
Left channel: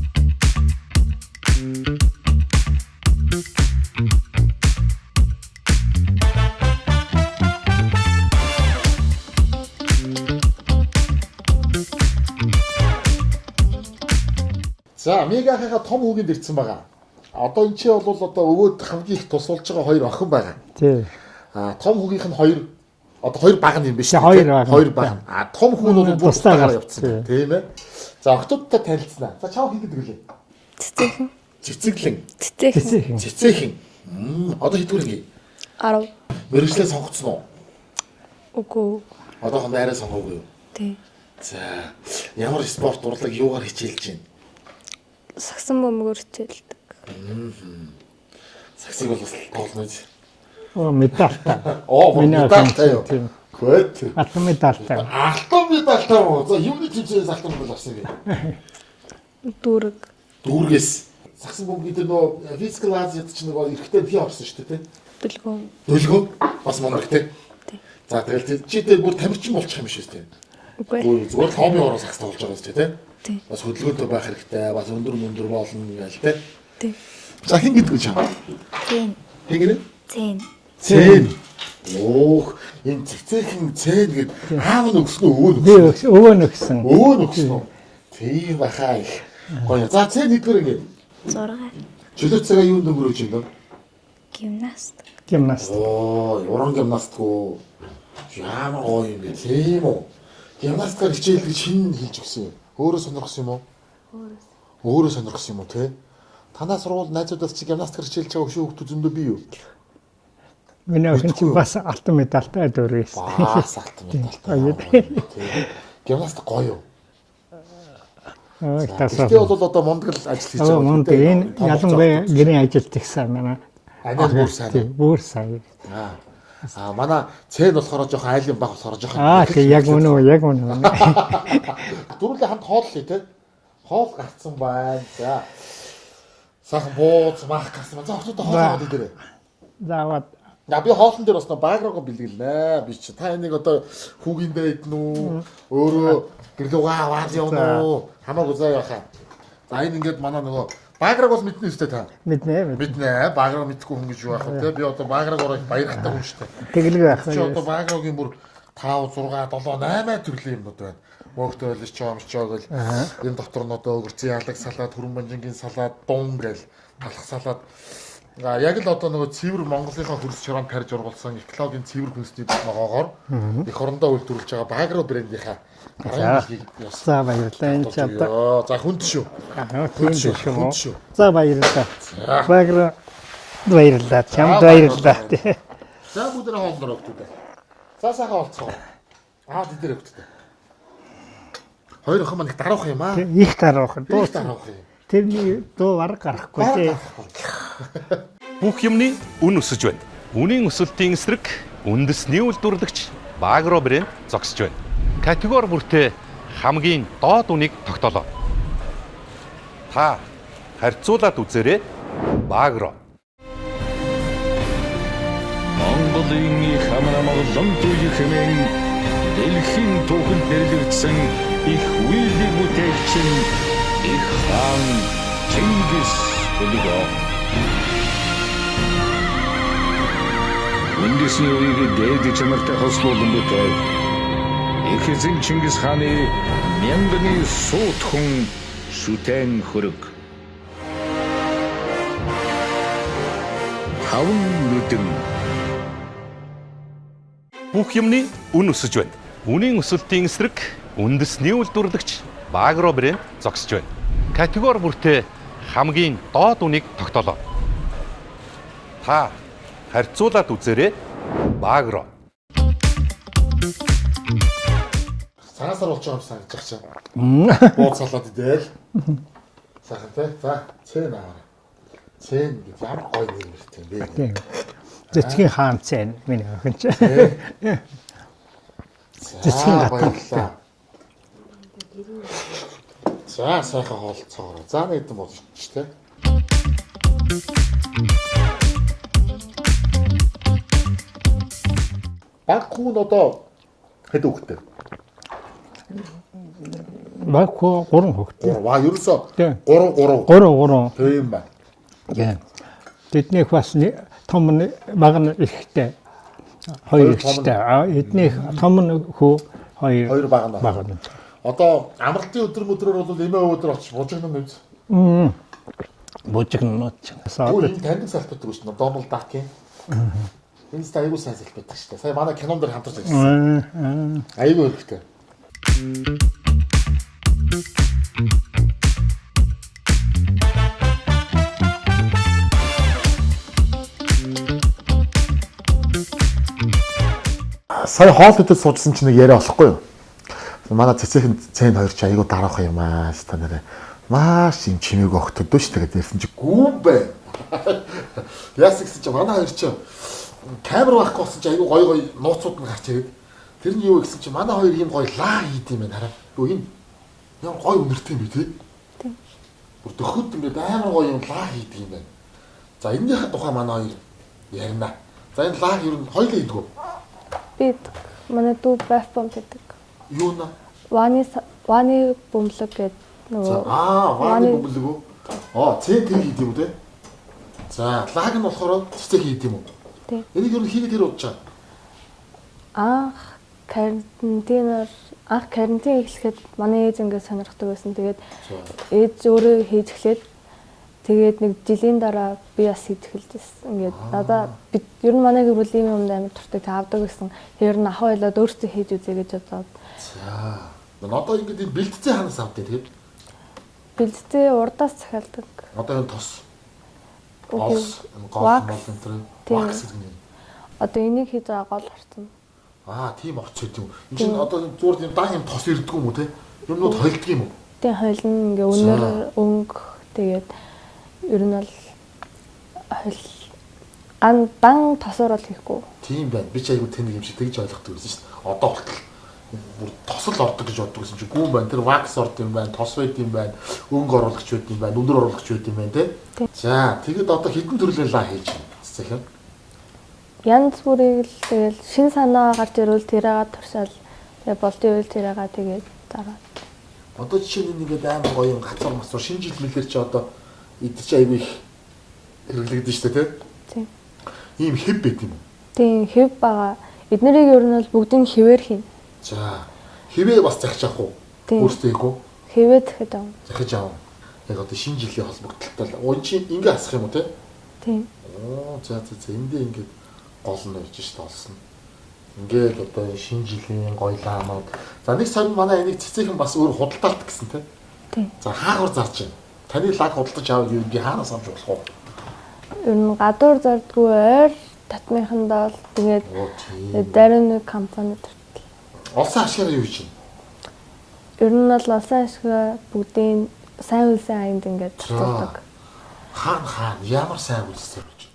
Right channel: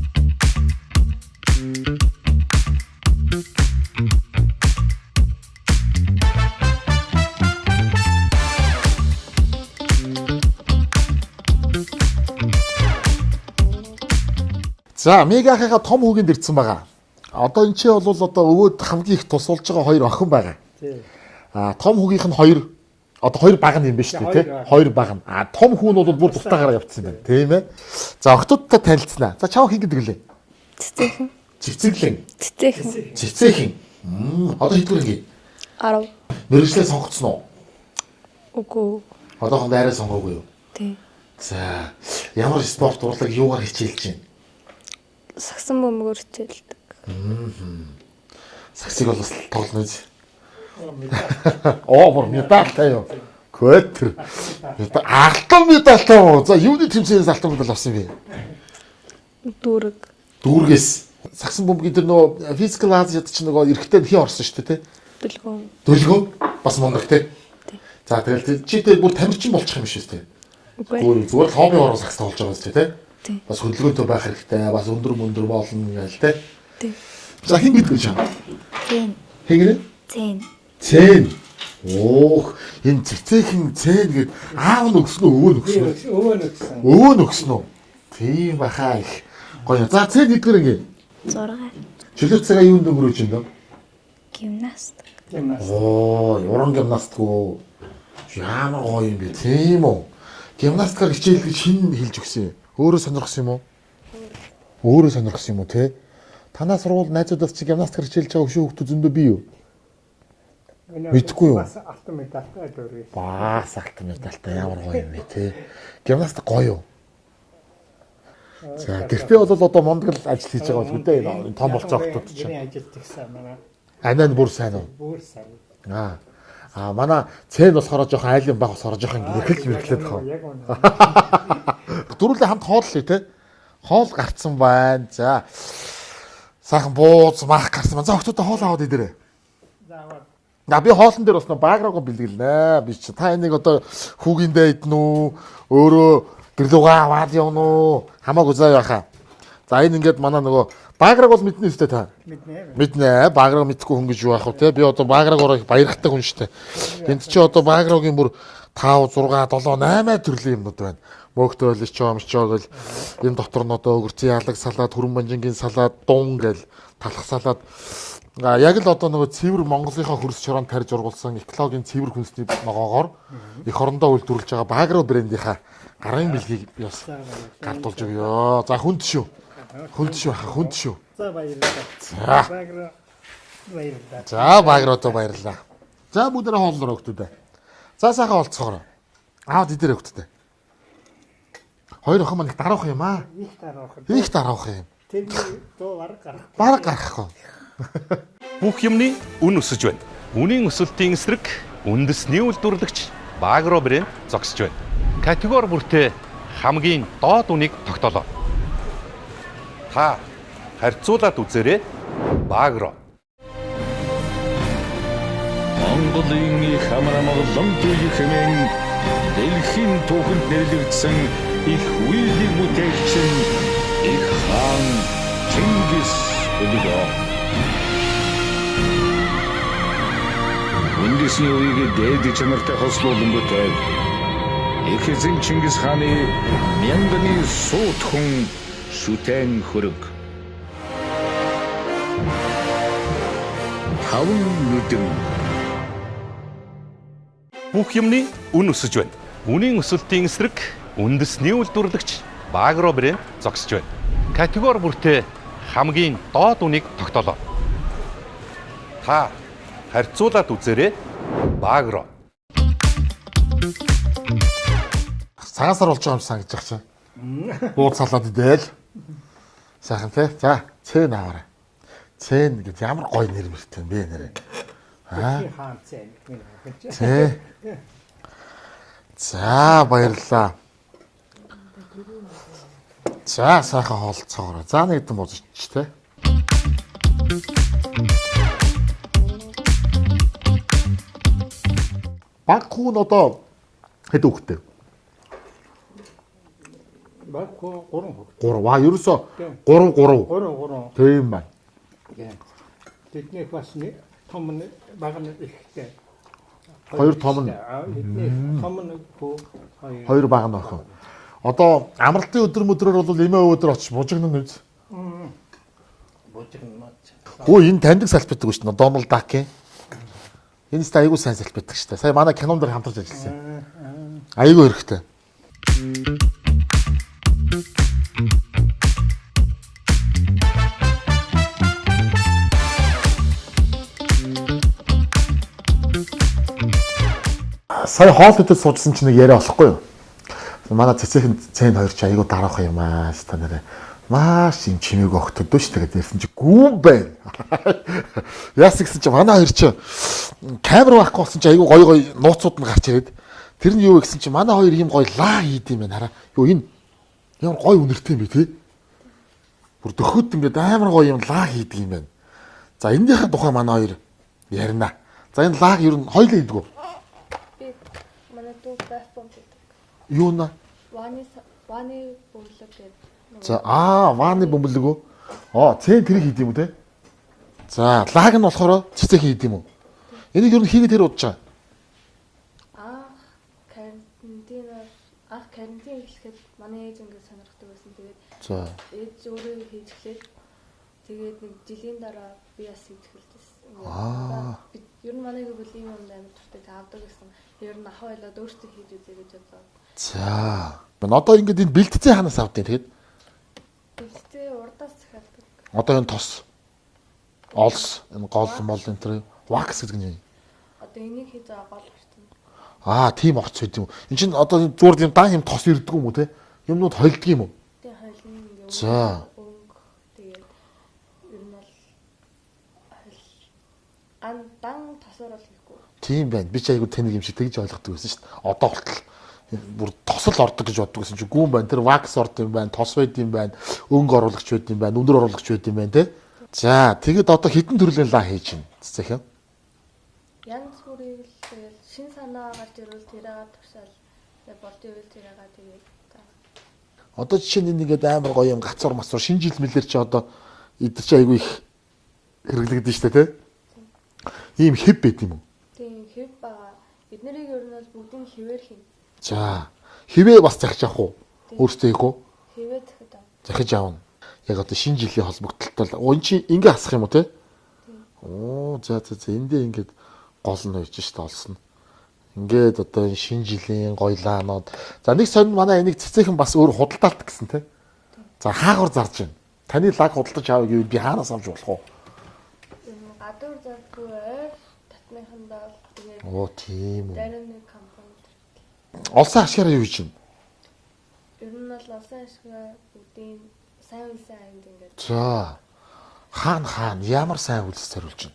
За, Мегахыга том хүүгэнд ирсэн байгаа. Одоо энэ чи бол одоо өвөд хамгийн их тусалж байгаа хоёр охин байгаа. Тийм. Том хүүгийнх нь хоёр одоо хоёр баг юм биш үү? Хоёр баг. Том хүү нь бол бүр тустаагаар явцсан. Тийм ээ. За, охтуудтай танилцлаа. За, чав хин гэдэг лээ. Цэцэглэн. Цэцэхэн. Одоо хэдвэр гээ? 10. Мэргэжлээ сонгоцсон уу? Үгүй. Одоо найраа сонгоогүй юу? Тий. За, ямар спорт урлаг юугаар хичээлж байна? Сагсан бөмбөгөөр хичээлдэг. Саксыг бол тоглоно үз. Медаль. Медальтай юу? Хөөт. Алтан медальтай. Алтан медальтай юу? За, юуны тэмцээнээс алтан медаль авсан бэ? Дүүрэг. Дүүргээс. Сагсан бөмбөгийн тэр нөгөө физикал Азиад ч нөгөө эрэгтэй хий орсон шүү дээ, тий? Дөлгөөн. Дөлгөөн бас монарх тий. За тэгэл чи дээр бүр тамирчин болчих юм шиг тийм. Үгүй. Зүгээр хобби ороо сакс тоглож байгаа зү тийм. Тий. Бас хөдөлгөөнтэй байх хэрэгтэй. Бас өндөр болно гээл тийм. Тий. За хин гэдэг чам. Цэн. Хэгэр? Цэн. Цэн. Оох, энэ цэцэхэн цэн гэд аав нь өгсөн үү өвөө нөгсөн. Өвөө Өвөө нөгсөн. нөгсөн үү? Тийм баха их. Гоё. За цэн хэдгээр ингэ? 6. Чөлөө цагаа юунд өнгөрөөж байна? Гимнаст. Гимнаст. Оо, уран гимнаст уу. Ямар гоё юм бэ? Тийм үү? Гимнастикаар хичээл гэж хин хэлж өгсөн юм. Өөрөө сонирхсан юм уу? Өөрөө сонирхсан юм уу те? Танаа сургууль найзуудаас чи гимнастикаар хичээлж байгаа өшөө хүмүүс зөндөө бий юу? Миний Мэдгүй юу? охин бас алтан медальтай дөрвөөс. Бас алтан медальтай ямар гоё юм бэ те? Гимнастик гоё юу? Гэхдээ бол одоо мундаг л ажил хийж байгаа юм Мундаг энэ ялангуяа гэрийн ажилт ихсэн манай. Анаа бүр сайн. Бүр сайн. Манай цэн болохоор жоохон айлын баг болохоор жоохон. Тийм яг үнэ. Дөрүлээ хамт хооллоо те. Хоол гарцсан байна. За. Сайхан бууз мах гарсан байна. За охтуудаа хоол аваад идэрээ. Заавад. Би хоолн дээр бас бааграагаа бэлгэлнэ. Би чи та энийг одоо хүүгиндээ идэн үү? Өөрөө гэрлүүгээ аваад явна уу? Хамаагүй заа яхаа. За энэ ингээд манай нөгөө бааграаг бол мэднэ өстэй та. Мэднэ. Мэднэ. Бааграаг мэдгүй хүн гэж юу ах вэ те? Би одоо бааграагаараа баярхтай хүн штэ. Тэглэг Чи одоо бааграагийн бүр 5 6 7 8 төрлийн юмнууд байна. Мөөхтөл чоомчоо гэл энэ дотор нь одоо өвөрцөн ялаг салаад, хүрэн банжингийн салаад, дун гэл талах салаад. Яг л одоо нөгөө цэвэр Монголынхаа хөрс чороонд тарьж ургуулсан экологийн цэвэр хүнсний ногоогоор их орондоо үйлдвэрлэж байгаа Багро брендийнхаа гарын дэлхийг яс. За баярлалаа. Энэ ч одоо За хүнд шүү. Хүнд шүү. За баярлалаа. Багро баярлалаа. За баярлалаа. За бүгдээ хоолноор өгтөдөө. За сайхан олцгоорой. Аав дидэр өгтөдөө. Хоёр охин маань их дараах юм аа. Их дараах. Их дараах юм. Тэрний дуу арга гарахгүй. Бараг гарахгүй. Бүх юмны үн өсөж байна. Үнийн өсөлтийн эсрэг үндэсний үйлдвэрлэгч Багро брэнд зогсож байна. Категори бүртээ хамгийн доод үнийг тогтоолоо. Та харьцуулаад үзээрэй. Багро. Монголын их хамаамгалан туй хэмээн дэлхийн түүхэнд нэрлэгдсэн их үйлдэл бүтээгч нь их хаан Чингис Улиго. Үндэсний үеийг дээд чанартай хослуулан бүтээв. Их эзэн Чингис хааны мянганы суут хүн шүтэн хөрөг. Таван нүдэн. Бүх юмны үн өсөж байна. Үнийн өсөлтийн эсрэг үндэсний үйлдвэрлэгч Багро брэнд зогсож байна. Категори бүртээ хамгийн доод үнийг тогтоолоо. Та харьцуулаад үзээрэй. Багро. Цагаасаар болж байгаа юм сан гэж байгаа чинь. Бууз салаад идээл. Сайхан тий. За, цэн аваарай. Цэн гэж ямар гоё нэр мэртэй юм бэ? Зэцгийн хаан цэн миний охин ч. За, баярлалаа. За, сайхан хоолцоогоо. За, нэг хэдэн бууз ич тий. Баг хүн одоо хэд өгтэй? Багко 3 хөгтөө. Ерөөсөө 3. Тийм байна. Яа. Тэднийх бас том баг нь ихтэй. Хоёр ихтэй. Эднийх том нь хөө хоёр баг нь. Одоо амралтын өдөр бол эмээ өдөр очиж бужигнан үз. Бужигнууд. Өө энэ таньдаг салбидаг шүү дээ. Дональд Дак. Энэ ч айгүй сайн салбидаг шүү дээ. Сая манай кинон дээр хамтарч ажилласан. Айгүй хэрэгтэй. Сая хоол идэж суужсан чинь нэг яриа болохгүй юу? Манай цэцэхэн цэн хоёр ч айгүй дараах юм аа шүү та нэрээ. Маш юм чимээг өгтөдөө шүү тэгээд ярьсан чи гүн бэ. Яасан гэсэн чи манай хоёр ч камер байхгүй болсон чи айгүй гоё нууцуд нь гарч ирээд тэр нь юу гэсэн чи манай хоёр юм гоё лаа хийд юм байна хараа. Юу энэ ямар гоё үнэртэй юм бэ тий? Бүр дөхөд ингээд амар гоё юм лаа хийдэг юм байна. За энэнийхэн тухай манай хоёр ярина. За энэ лаг ер нь хоёлаа хийдэг үү? Би манай дүү байф бом гэдэг. Юу нэ? Ваны бөмбөлөг гэдэг За нөгөө вааны бөмбөлөг үү? Цэн тэр хийд юм уу те? За лаг нь болохоор цэцэг хийд юм уу? Тийм. Энийг юу хийгээд тэр удаж байгаа? анх карантин эхлэхэд манай ээж ингээд сонирхдаг байсан. Тэгээд За. ээж өөрөө хийж эхлээд тэгээд нэг жилийн дараа би бас хийж эхэлжсэн. Ингээд надаа би ер нь манай гэр бүл ийм юмд амар туртай таавдаг гэсэн. Тэр нь ахаа ойлоод өөртөө хийж үзье гэж бодоод. За. Одоо ингээд энэ бэлтцээ ханаас авдیں۔ Тэгээд Бэлтцээ урдаас захиалдаг. одоо энэ тос олс энэ гол мол энэ тэр вакс гэдэг нь. Одоо энийг хийж байгаа гол орцсон. Тийм орц байд юм. Энд чинь одоо зүгээр юм дан юм тос ирдэг юм уу те? Юмнууд хойлдог юм уу? Тэгээ хойлно ингээ өнөр өнгө тэгээд ер нь бол дан тосоор бол хийхгүй. Тийм байна. Би ч айгу тэнэг юм шиг тэгж ойлгодог байсан шүү дээ. Одоо болтол бүр тосол ордог гэж боддог гэсэн чинь гүн байна. Тэр вакс ордог юм байна, тос байд юм байна, өнгө оруулагч байд юм байна, өндөр оруулагч байд юм байна те. За тэгэд одоо хитэн төрлийн лаа хийж байна. Цэцэх юм. Янз бүрийг л тэгэл шин санаа гарч ирвэл тэрээгээ туршаал тэгээ болтын үйл тэрээгээ тэгээд дараа. Одоо жишээ нь ингээд амар гоё юм гацуур масуур шинэ жил мэлэр чи одоо идэр чи айгу их хэрэглэгдэж штэ те. Тийм. Ийм хэв байд юм уу? Тийм хэв байгаа. Эднэрийг ер нь бол бүгдийг хэвээр хийнэ. За. Хэвээ бас захиж авах уу? Тийм. Өөртөө хийх үү? Хэвээ дахиад авна. Захиж авах. Яг одоо шинэ жилийн холбогдлолтой өн чи ингээ асах юм уу те? Тийм. За эндээ ингээд гол нь байж штэ олсон. Ингээд одоо энэ шинэ жилийн гойлаанууд. За нэг сонь манай энийг цэцэхэн бас өөр худалдаалт гэсэн те. Тийм. За хаагур зарж байна. Таны лаг худалдаж авах гэвэл би хаанаас авч болох вэ? Ер нь гадуур зардгүй ойр татмынхандаа бол тэгээд Тийм. дарин нэг компани төртөл. Олсон ашигаараа юу хийж байна? Ер нь бол олсон ашгаа бүгдийн сайн үлсэн аянд ингээд тулдаг. Хаан ямар сайн үйлс зориулж байна.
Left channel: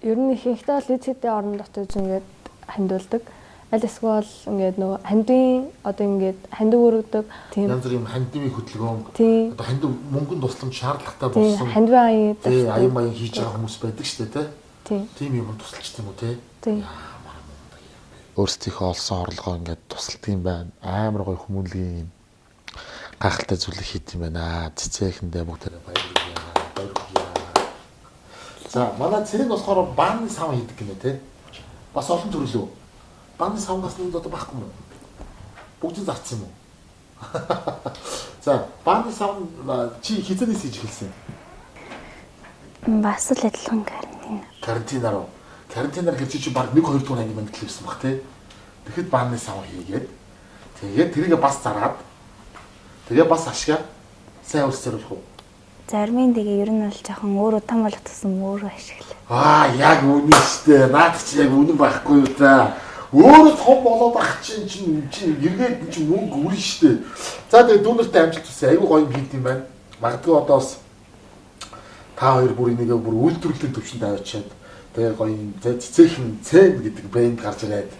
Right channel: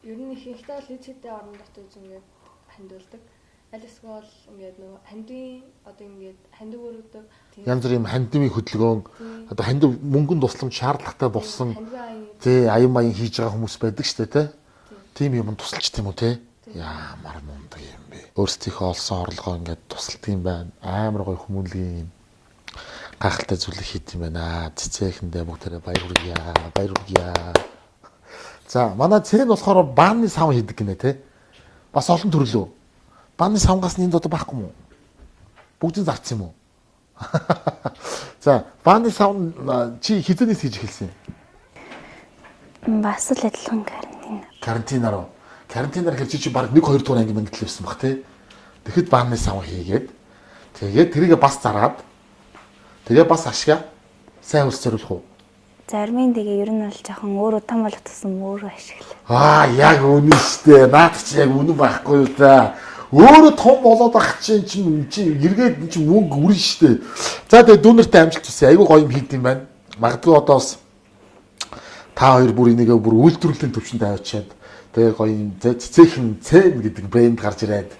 Ер нь ихэнхдээ л эцэдийн орон дотоод ингээд хандуулдаг. Аль эсвэл ингээд нөгөө хандын одоо ингээд хандив өргөдөг. Тийм. Янз бүрийн хандивын хөдөлгөөн Тийм. одоо хандив мөнгөнд тусламж шаардлагатай Тийм. болсон. Хандивын аян. Тий, аян маян хийж байгаа хүмүүс байдаг шүү дээ, Тийм. тийм юм тусалж тийм үү те? Тийм. Ямар мундаг юм бэ. Өөрсдийнхөө олсон орлогоо ингээд тусалдаг юм байна. Амар гоё хүмүүнлэгийн юм гайхалтай зүйлийг хийд юм байна. Цэцэхэндээ бүгдээрээ баярлалаа. За, манай цэг болохоор бааны сав хийдэг гинэ те. Бас олон төрлөө. Бааны савгаас нэнд одоо байхгүй юм уу? Бүгдийг зарцсан юм уу? За, бааны сав чи хизэнээс хийж эхэлсэн? Бас л адилхан карантинаар. Карантинаар гэж чи баг 1-2 дугаар анги мэд төлөвсөн баг тий. Тэгэхэд бааны сав хийгээд тэгээд тэрийгэ бас зараад тэгээ бас ашгаа сайн ус зориулах уу? Зармын дэгээ ер нь бол жоохон өөрөө том болгоцсон өөрөө ашиглаа. Яг үнэн штэ. Наад чи яг үнэн байхгүй юу та. Өөрөө том болоод ах чинь эргээд чи мөнгө үрэн штэ. За тэгээ дүүнэртэй амжилт хүсье. Айгуу гоё юм хийд юм байна. Магадгүй одоос та хоёр бүр энийгээ бүр үйлдвэрлэлийн төвшөнд авчиад тэгээ гоё юм цэцэхэн цэн гэдэг брэнд гарч ирээд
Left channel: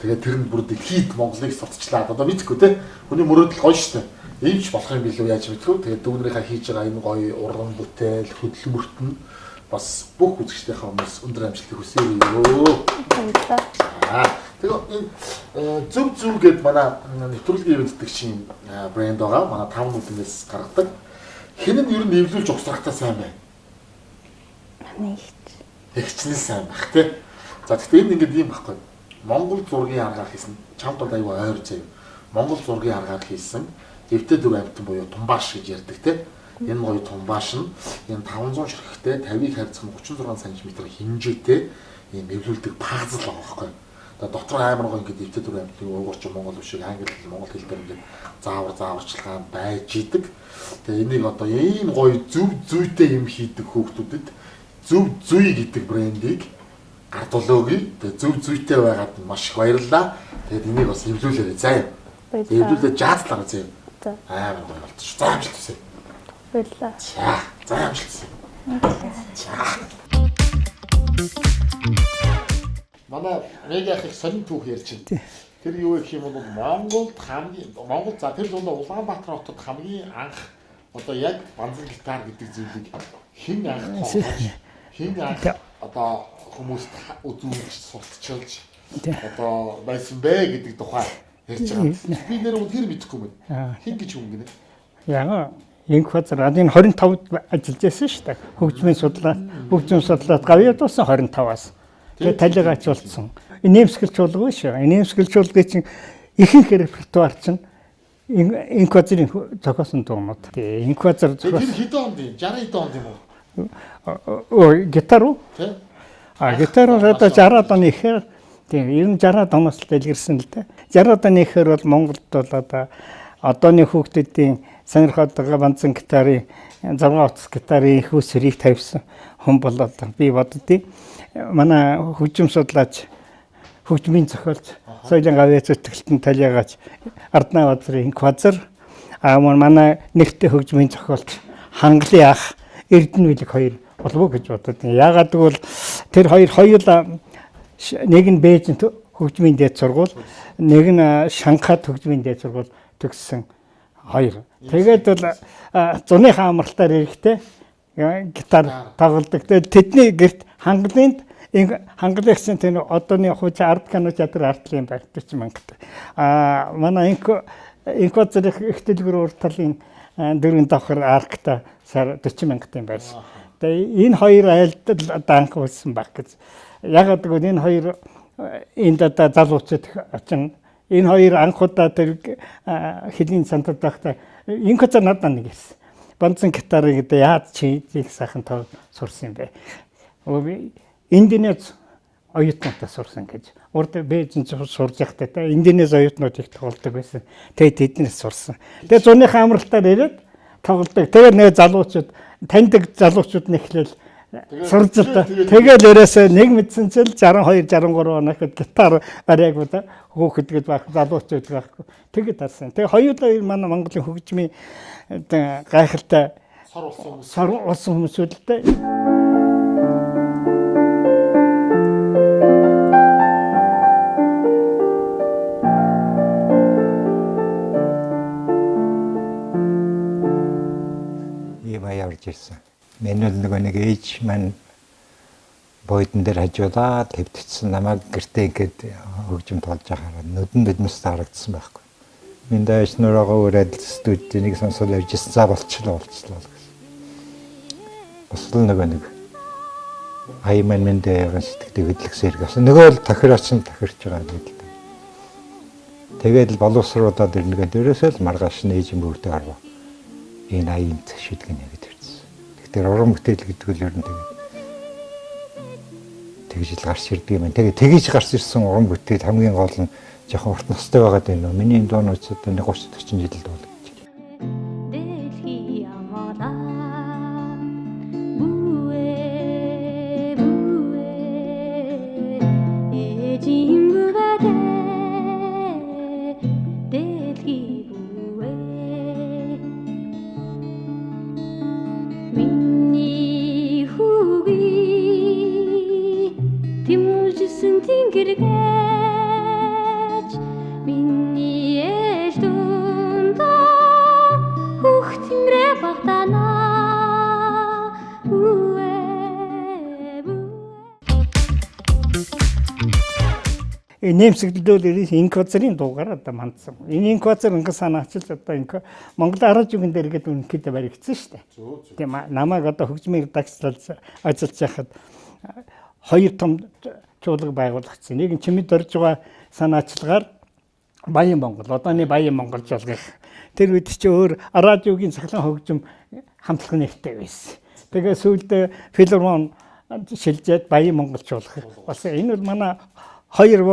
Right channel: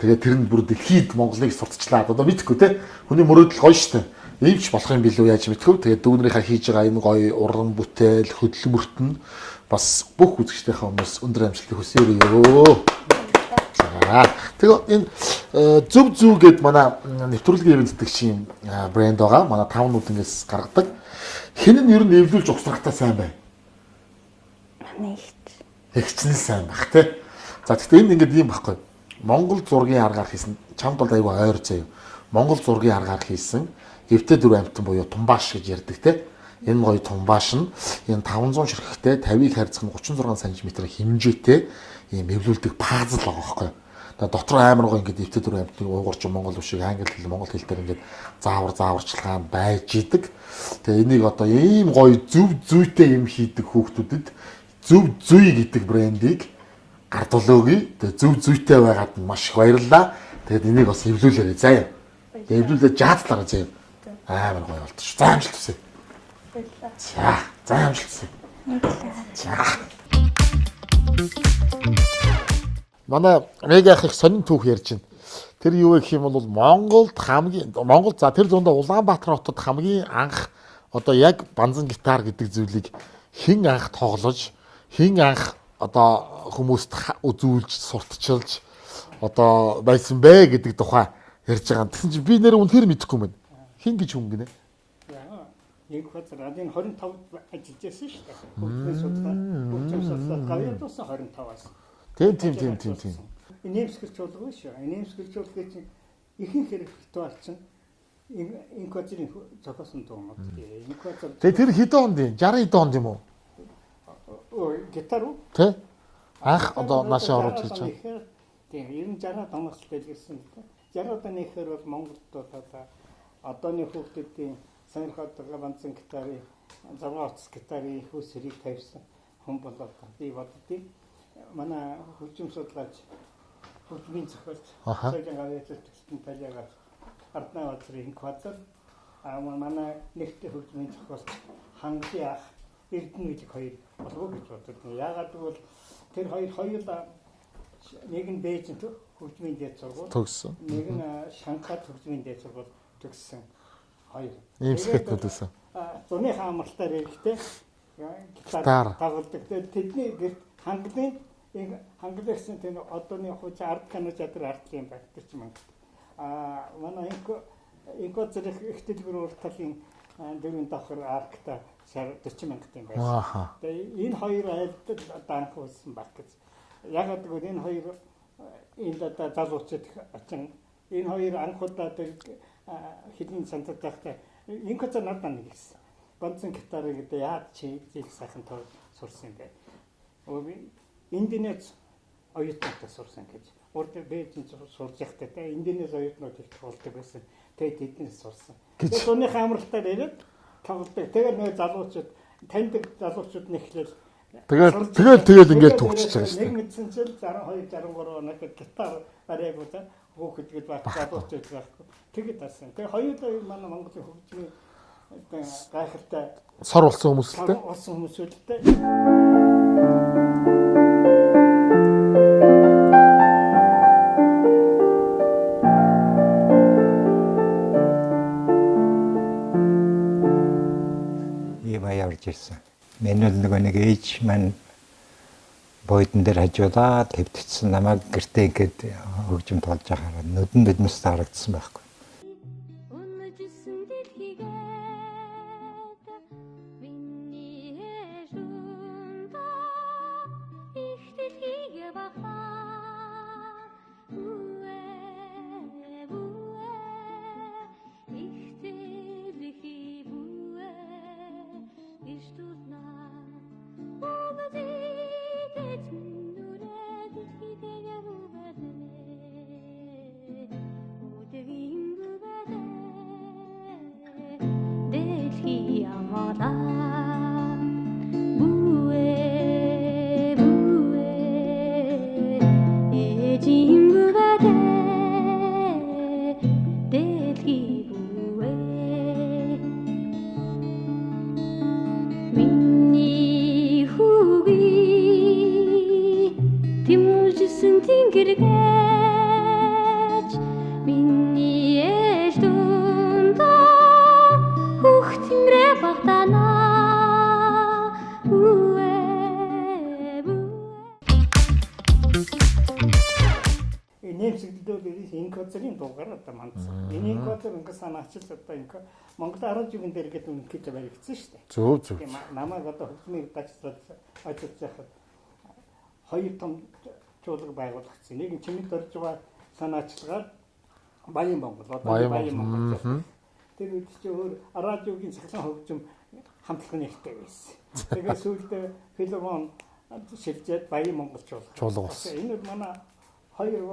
тэгээ тэр нь бүр дэлхийд Монголыг сурталчлаад одоо мэдхгүй те хүний мөрөөдөл гоё штэ. Иймч болох юм билүү яаж мэдгүй. Тэгээд дүүнэрийнхээ хийж байгаа энэ гоё уран бүтээл хөдөлмөрт нь бас бүх үзэгчдийнхээ хүмүүс өндөр амжилтыг хүсье өрөө. Тэгээ энэ зөв гэд манай нэвтрүүлгийн эвэлдэгчийн брэнд байгаа. Манай 5 нүднээс гаргадаг. Хэн нь ер нь эвлүүлж угсрахтаа сайн бай. Манай Ихчлэн сайн баг тий. За гэхдээ энэ ингээд юм баггүй. Монгол зургийн аргаар хийсэн чамд бол аюу ойр заяа. Монгол зургийн аргаар хийсэн дэвтэ дүр амтан буюу тумбааш гэж ярьдаг тий. Энэ гоё тумбааш нь энэ 500 ширхэгтэй 50-ыг харьцах 36 см хэмжээтэй ийм эвлүүлдэг пазл байгаа байхгүй. Дотор амар гоё ингээд дэвтэ дүр амтны уйгурч монгол ушиг англи хэл монгол хэл дээр ингээд зааварчилгаан байж идэг. Тэгээ энийг одоо ийм гоё зүйтэй юм хийдэг хүүхдүүдэд зөв зүй гэдэг брендийг гардуулаагүй. Тэгээ зөв зүйтэй байгаад маш их баярлалаа. Тэгээд энийг бас эвлүүлээрэй заяа. Эвлүүлээ жаазлаа заяа. Амар гоё болчих. За амжилт хүсье. Баярлалаа. За амжилт хүсье. За. Манай Мега их сонин түүх ярьж байна. Тэр юу гэх юм бол Монгол за тэр дундаа Улаанбаатар хотод хамгийн анх одоо яг банзан гитар гэдэг зүйлийг хэн анх тоглож хэн анх одоо хүмүүст үзүүлж сурталчилж одоо байсан бэ гэдэг тухай ярьж байгаа. Би нэр үнэхээр мэдэхгүй юм байна. Хин гэж хүн гинэ. Яга инквазер энэ 25-д ажиллаж байсан шүү дээ. Хөгжмийн судлаад гавьяа дууссан 25-аас. Тэгээд талигаач болсон. Нэмсгэлч болгоо шүү. Нэмсгэлч болгоо чинь ихэнх репертуар чинь инквазерын зохиосон дуунууд. Инквазер тэр хэдэн онд юм? 60 хэд онд юм уу? Гитар уу? Тэ? Гитараар одоо 60-аад оны ихээр тийм ер нь 60-аад оноос л дэлгэрсэн л дээ. 60-аад оны ихээр бол Монголд бол одоо одооны хүүхдүүдийн сонирхоод байгаа банцан гитарын 6 утас гитарын их үсрийг тавьсан хүн болоод би боддгийг манай хөгжим судлаач хөгжмийн зохиолч соёлын гавьяа зүтгэлтэн талиагач Арднаа бадрын инквазер манай нэртэй хөгжмийн зохиолч Хангалын ах Эрдэнэ билэг хоёр болов уу гэж бодод. Яагаад гэвэл тэр хоёр хоёулаа нэг нь Бээжин хөгжмийн дээд сургууль, нэг нь Шанхайд хөгжмийн дээд сургууль төгссөн хоёр. Тэгээд бол зуныхаа амралтаар эрэхтэй гитар тоглодог. Тэгээд тэдний гэрт Хангалын гэсэн тэр одооны хуучин ард кано чадвар артлын байх 40 мянгатай. Манай инквазерх их дэлгүүр урт талын дөрвөн давхар аркта сар 40 мянгатай байсан. Тэгээ энэ хоёр айлтал данх болсон баг гэж. Ягаад гэвэл энэ хоёр энд одоо залуучууд очин энэ хоёр анхудаа тэр хэлийн цантад байхдаа инквазер надад нэг хэлсэн. Банцан гитарыг одоо яаж чийзийг сайхан тоо сурсан юм бэ? Индонез оюутнуудаа сурсан гэж. Урд Бээжин сурж байхдаа те Индонез оюутнууд их тоглодог байсан. Тэгээд тэднээс сурсан. Тэгээд зуныхаа амралтаар ирээд тоглодог. Тэгээд нэг залуучууд таньдаг залуучууд нэхлээл тэгээд өрөөсөө нэг мэдсэн чил 62 63 оног гитар бариагуудаа хөөхд гэж байх залуучууд байхгүй. Тэгээд тарсан. Тэгээд хоёулаа манай Монголын хөгжмийн гайхалтай сор болсон хүмүүс л дээ. Явж ирсэн. Миний нөгөө нэг ээж маань бойдон дээр хажуулаад хэвтчихсэн намайг гэртээ ингээд хөгжим тоолж байхаар нүдэс харагдсан байхгүй. Минь дэш нураагаа үрээд студид нэг сонсол явж ирсэн. За болчихлоо гэсэн. Бас л нөгөө нэг айман минь дээр сэтгэдэг хөдлөксээр гэсэн. Нөгөө л тохироч нь тохирч байгаа юм л да. Тэгээд л боловсруулаад ирнэгээ дээрээсээ л маргааш нээж юм бүгдээ харав. Энэ аян шийдгэн яг төрсөн. Тэгэхээр уран бүтээл гэдэг нь ер нь тэгж л гарч ирдэг юм. Тэгээд тэгж гарч ирсэн уран бүтээл хамгийн гол нь жоохон урт настай байгаад байна уу? Миний дуунууд одоо 30 40 жил бол гэж. Нэмсгэлдөл инквазерын дуугаар одоо мандсан. Энэ инквазер ингээд санаачилж одоо ингээд Монгол арга жүгэн дээр гээд үнэхээр баригдсан шүү дээ. Зөв. Тийм намайг одоо хөгжмийн редакцлал ажиллаж байхад хоёр том чуулга байгуулагдсан. Нэг нь чимэд орж байгаа санаачлагаар Баян Монгол, одооны Баян Монгол жуулгах. Тэр үед чи өөр радиогийн цахилгаан хөгжим хамтлаг нэртэй байсан. Тэгээ сүүлдээ филармон шилжээд Баян Монгол жуулгах. Бас энэ бол манай хоёр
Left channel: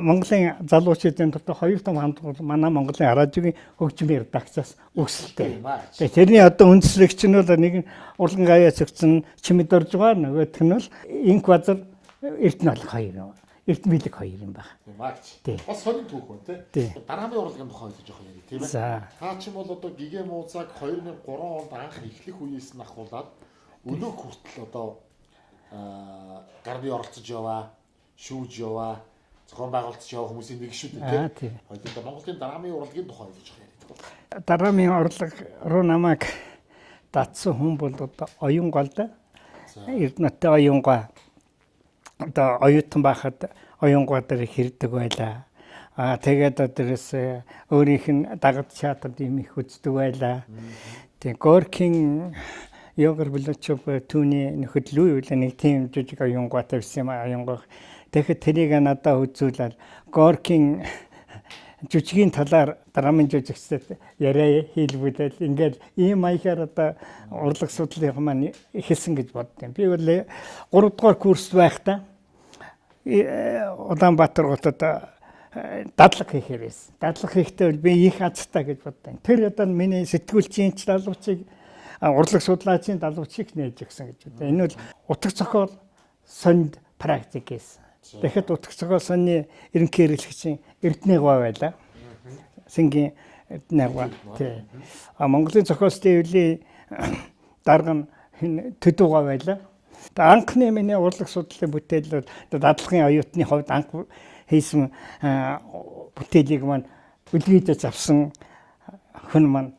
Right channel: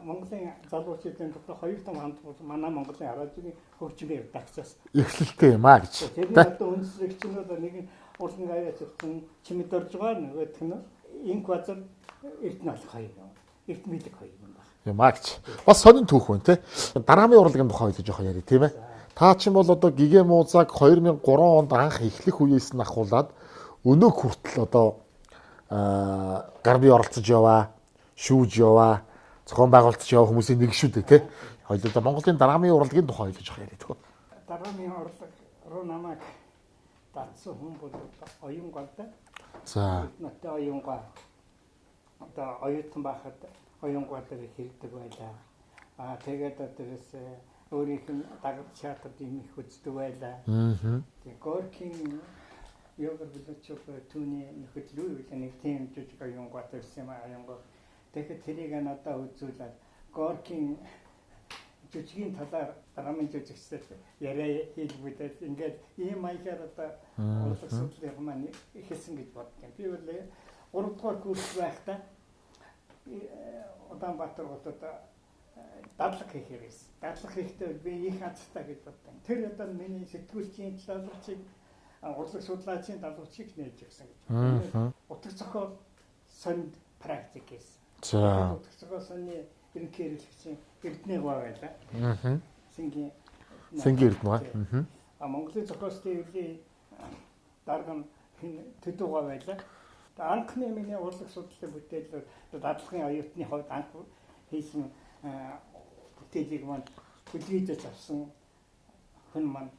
Монголын залуучуудын дотор хоёр том хамтлаг манай Монголын радиогийн хөгжмийн редакцаас өсөлттэй юм аа гэж. Тэрний одоо үндэслэгч нь бол нэг нь Урлан гавьяа цогцсон чимэд орж байгаа, нөгөөх нь бол инквазер Эрдэнэ алх хоёр юм. Эрдэнэ билэг хоёр юм байна. Юм аа гэж. Бас сонин түүх байна те. Дараамын урлагийн тухай хэлж жоохон ярив тийм ээ. Та чинь бол одоо Гигэ Муузаг 2003 онд анх эхлэх үеэс нь ахуулаад өнөөх хүртэл одоо гарби оролцож яваа, шүүж яваа, зохион байгуулалт яваа хүмүүсийн нэг шүү дээ тийм. Хоёулаа Монголын дараамын урлагийн тухай хэлж жоохон яриад байна. Дараамын урлаг руу намайг татсан хүн бол одоо Оюн гол да. Эрдэнэтэй Оюн гоо одоо оюутан байхад оюунгууд дээр хэрдэг байлаа. Тэгээд одоос өөрийнх нь дагад театрт юм их үздэг байлаа. Тэгээ Горкийн Йогор Булачев түүний нөхөд Луи үлээ нэг тийм жижиг оюунгууд тавьсан юм оюунгууд. Тэгэхээр тэрийг надад үзүүлээд Горкийн жүжигийн талаар драмын жүжигчдэд яриа хийлгүүлээд ингээд ийм маягаар одоо урлаг судлалын маань ихэлсэн гэж боддیں۔ Би бол 3 дугаар курс байхдаа Улаанбаатар хотод дадлага хийхээр байсан. Дадлага хийхдээ би их азтай гэж боддیں۔ Тэр одоо миний сэтгүүлчийн залуучийг урлаг судлаачийн залуучийг нээж өгсөн гэж боддیں۔ Энэ бол утга зохиол сонд практик гэсэн. Тэгэхэд утга зохиол сонны ерөнхий хэрэглэгчийн Эрдэнэ гоо байлаа. Сэнгийн Эрдэнэ. Монголын зохиолчдын хөвлийн дарга нь Төдөө гоо байлаа. Тэгээ анхны миний урлаг судлалын бүтээл бол дадлагын оюутны хувьд анх хийсэн бүтээлийг маань үлгийдэж авсан хүн маань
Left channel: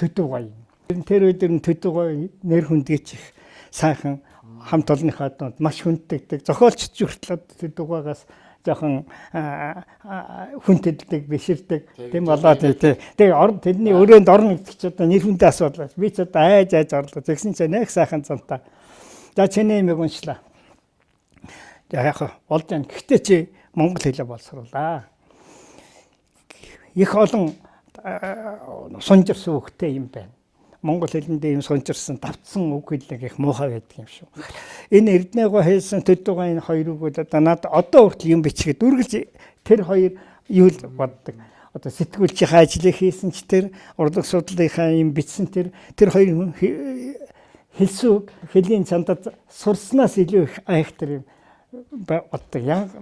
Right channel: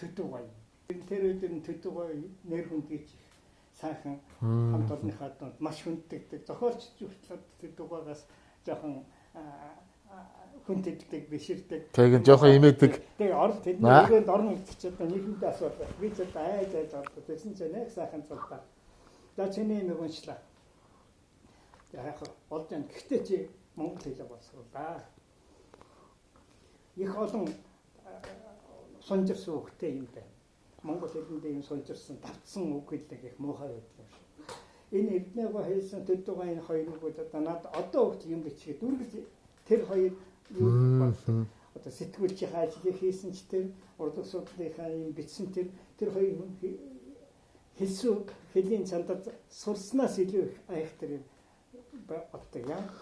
Төдөө гоо юм. Тэр өдөр нь Төдөө гоо нэр хүндгийч их сайхан хамт олонныхоо донд маш хүнддэг. Зохиолчд хүртэл Төдөө гоогоос жоохон хүндэлдэг, биширдэг. Тэгээ орон тэдний өрөөнд орно гэдэг чи одоо нэр хүндээ асуудал. Би ч одоо айж орлоо. Тэгсэн чинь нэг сайхан цантаа. За чиний имийг уншлаа. Яг болж байна. Гэхдээ чи монгол хэлээ боловсруулаа. Их олон сунжирсан хөхтэй юм байна. Монгол хэлэндээ юм сунжирсан давтсан үг хэллэг их муухай байдаг юм шүү. Энэ Эрдэнэ гоо хэлсэн Төдөө гоо энэ хоёрыг одоо надад одоо хүртэл юм бичгээд үргэлж тэр хоёр юу л боддог. Одоо сэтгүүлчийн ажлыг хийсэн ч тэр урлаг судлалынхаа юм бичсэн тэр хоёр хэлсэн үг хэлийн цандад сурснаас илүү их айхтар юм боддог. Яг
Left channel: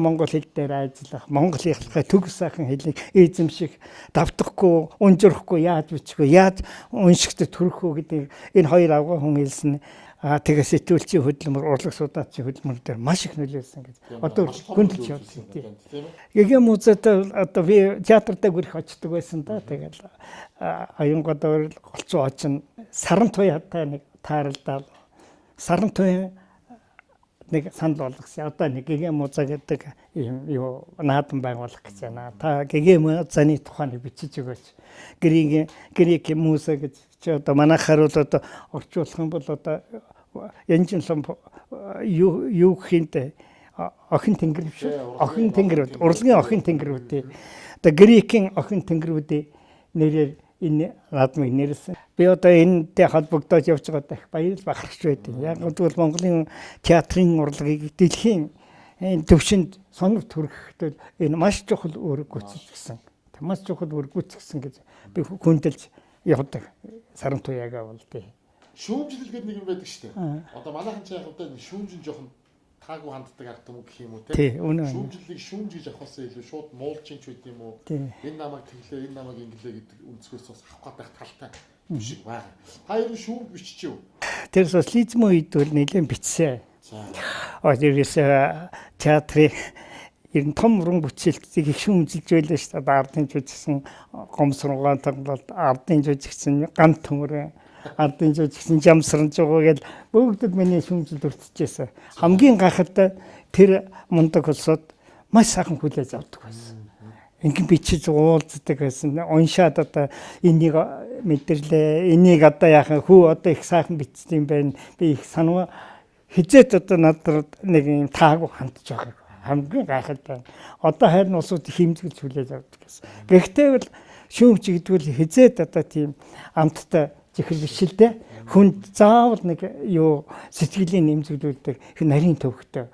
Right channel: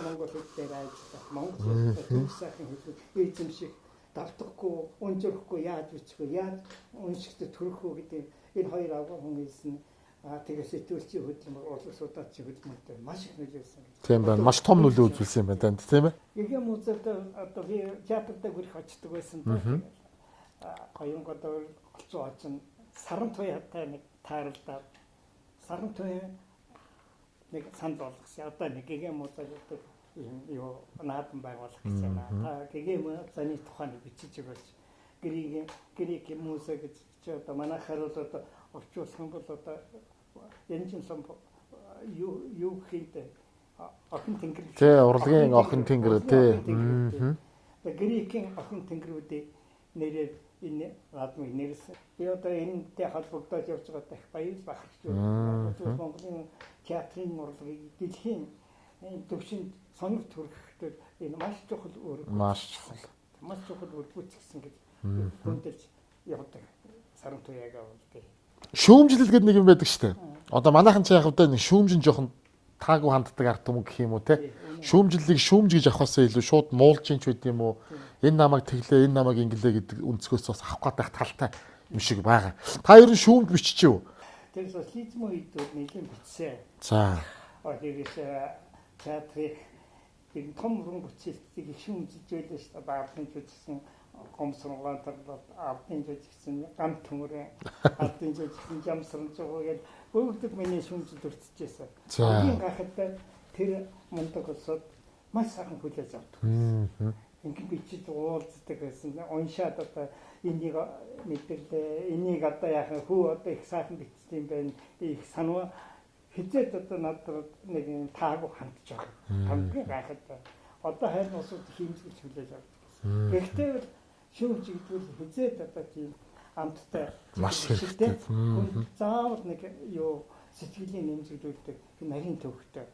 монгол хэл дээр ажиллах, монголынхаа төг сайхан хэлийг эзэмших, давтахгүй, унжирахгүй яаж бичихгүй, яаж уншигт төрөхөө гэдэг энэ хоёр авгаа хүн хэлсэн. Тэгээ сэтгүүлчийн хөдөлмөр, урлаг судлаачийн хөдөлмөр дээр маш их нөлөөлсөн гэж. Тийм байна. Маш том нөлөө үзүүлсэн юм байна, тийм ээ. Гэгэм үзээд одоо би театртаа гүрэх очдөг байсан даа. Тэгэл аюунгадаар голцоо очин саран туяатай нэг тааралдаад саран туяа нэг санал болгосон. Одоо нэг гэгэм муза гэдэг юм юу наадам байгуулах гэж байна. Та гэгэм музаны тухайг бичиж өгөөч. Грек муза гэж одоо манайхаар бол одоо орчуулах юм бол одоо янжинлам юу хинтэ охин тэнгэр урлагийн охин тэнгэрүүдээ одоо грекийн охин тэнгэрүүдээ нэрээр энэ наадмыг нэрлсэн. Би одоо энэтэй холбогдоод явж байгаад их баяр бахархж байдаг. Яг бол Монголын театрын урлагийг дэлхийн төвшөнд сонор төрөхөд энэ маш чухал үүрэг гүйцэтгэсэн. Маш чухал үүрэг гүйцэтгэсэн гэж би хүндэлж явдаг. Саран туяагаа бол тий. Шүүмжлэл гэдэг нэг юм байдаг шүү дээ. Одоо манайхан ч яг одоо нэг шүүмжин жоохон таагүй ханддаг арт юм гэх юм уу те. Шүүмжлэлийг шүүмж гэж авахаасаа илүү шууд муулж ин ч үт юм уу. Энэ намайг тэглээ, энэ намайг ингэлээ гэдэг өнцгөөс бас авах гэдэг талтай юм шиг байгаа. Та ер нь шүүмж биччихв. Тэр социализм үед бол нэлээд бичсэн. За. Одоос театрын ер нь том уран бүтээлтийг их шүүмжилж байлаа шүү дээ. Ардын жүжигсэн гомсруугаан тоглолт, ардын жүжигсэн гам төмөр, ардын жүжигсэн жамсранж байгаа гэж бүгдэд миний шүүмжилд өртөжсэн. Хамгийн гайхалтай тэр мундаг улсууд маш сайхан хүлээж авдаг байсан. Ингээд бичиж уулздаг байсан. Уншаад одоо энийг мэдэрлээ. Энийг одоо яахан хүү одоо их сайхан бичсэн юм байна. Би их санаа хизээд одоо надад нэг юм таагүй хандж байгаа. Хамгийн гайхалтай. Одоо хайрын улсууд хэмжиж хүлээж авдаг гэсэн. Гэхдээ бол шүүмж гэдэг нь хизээд одоо тийм амттай чихэл бишэлтэй хүнд заавал нэг юу сэтгэлийн нэмзэгдүүлдэг нарийн төвхтэй.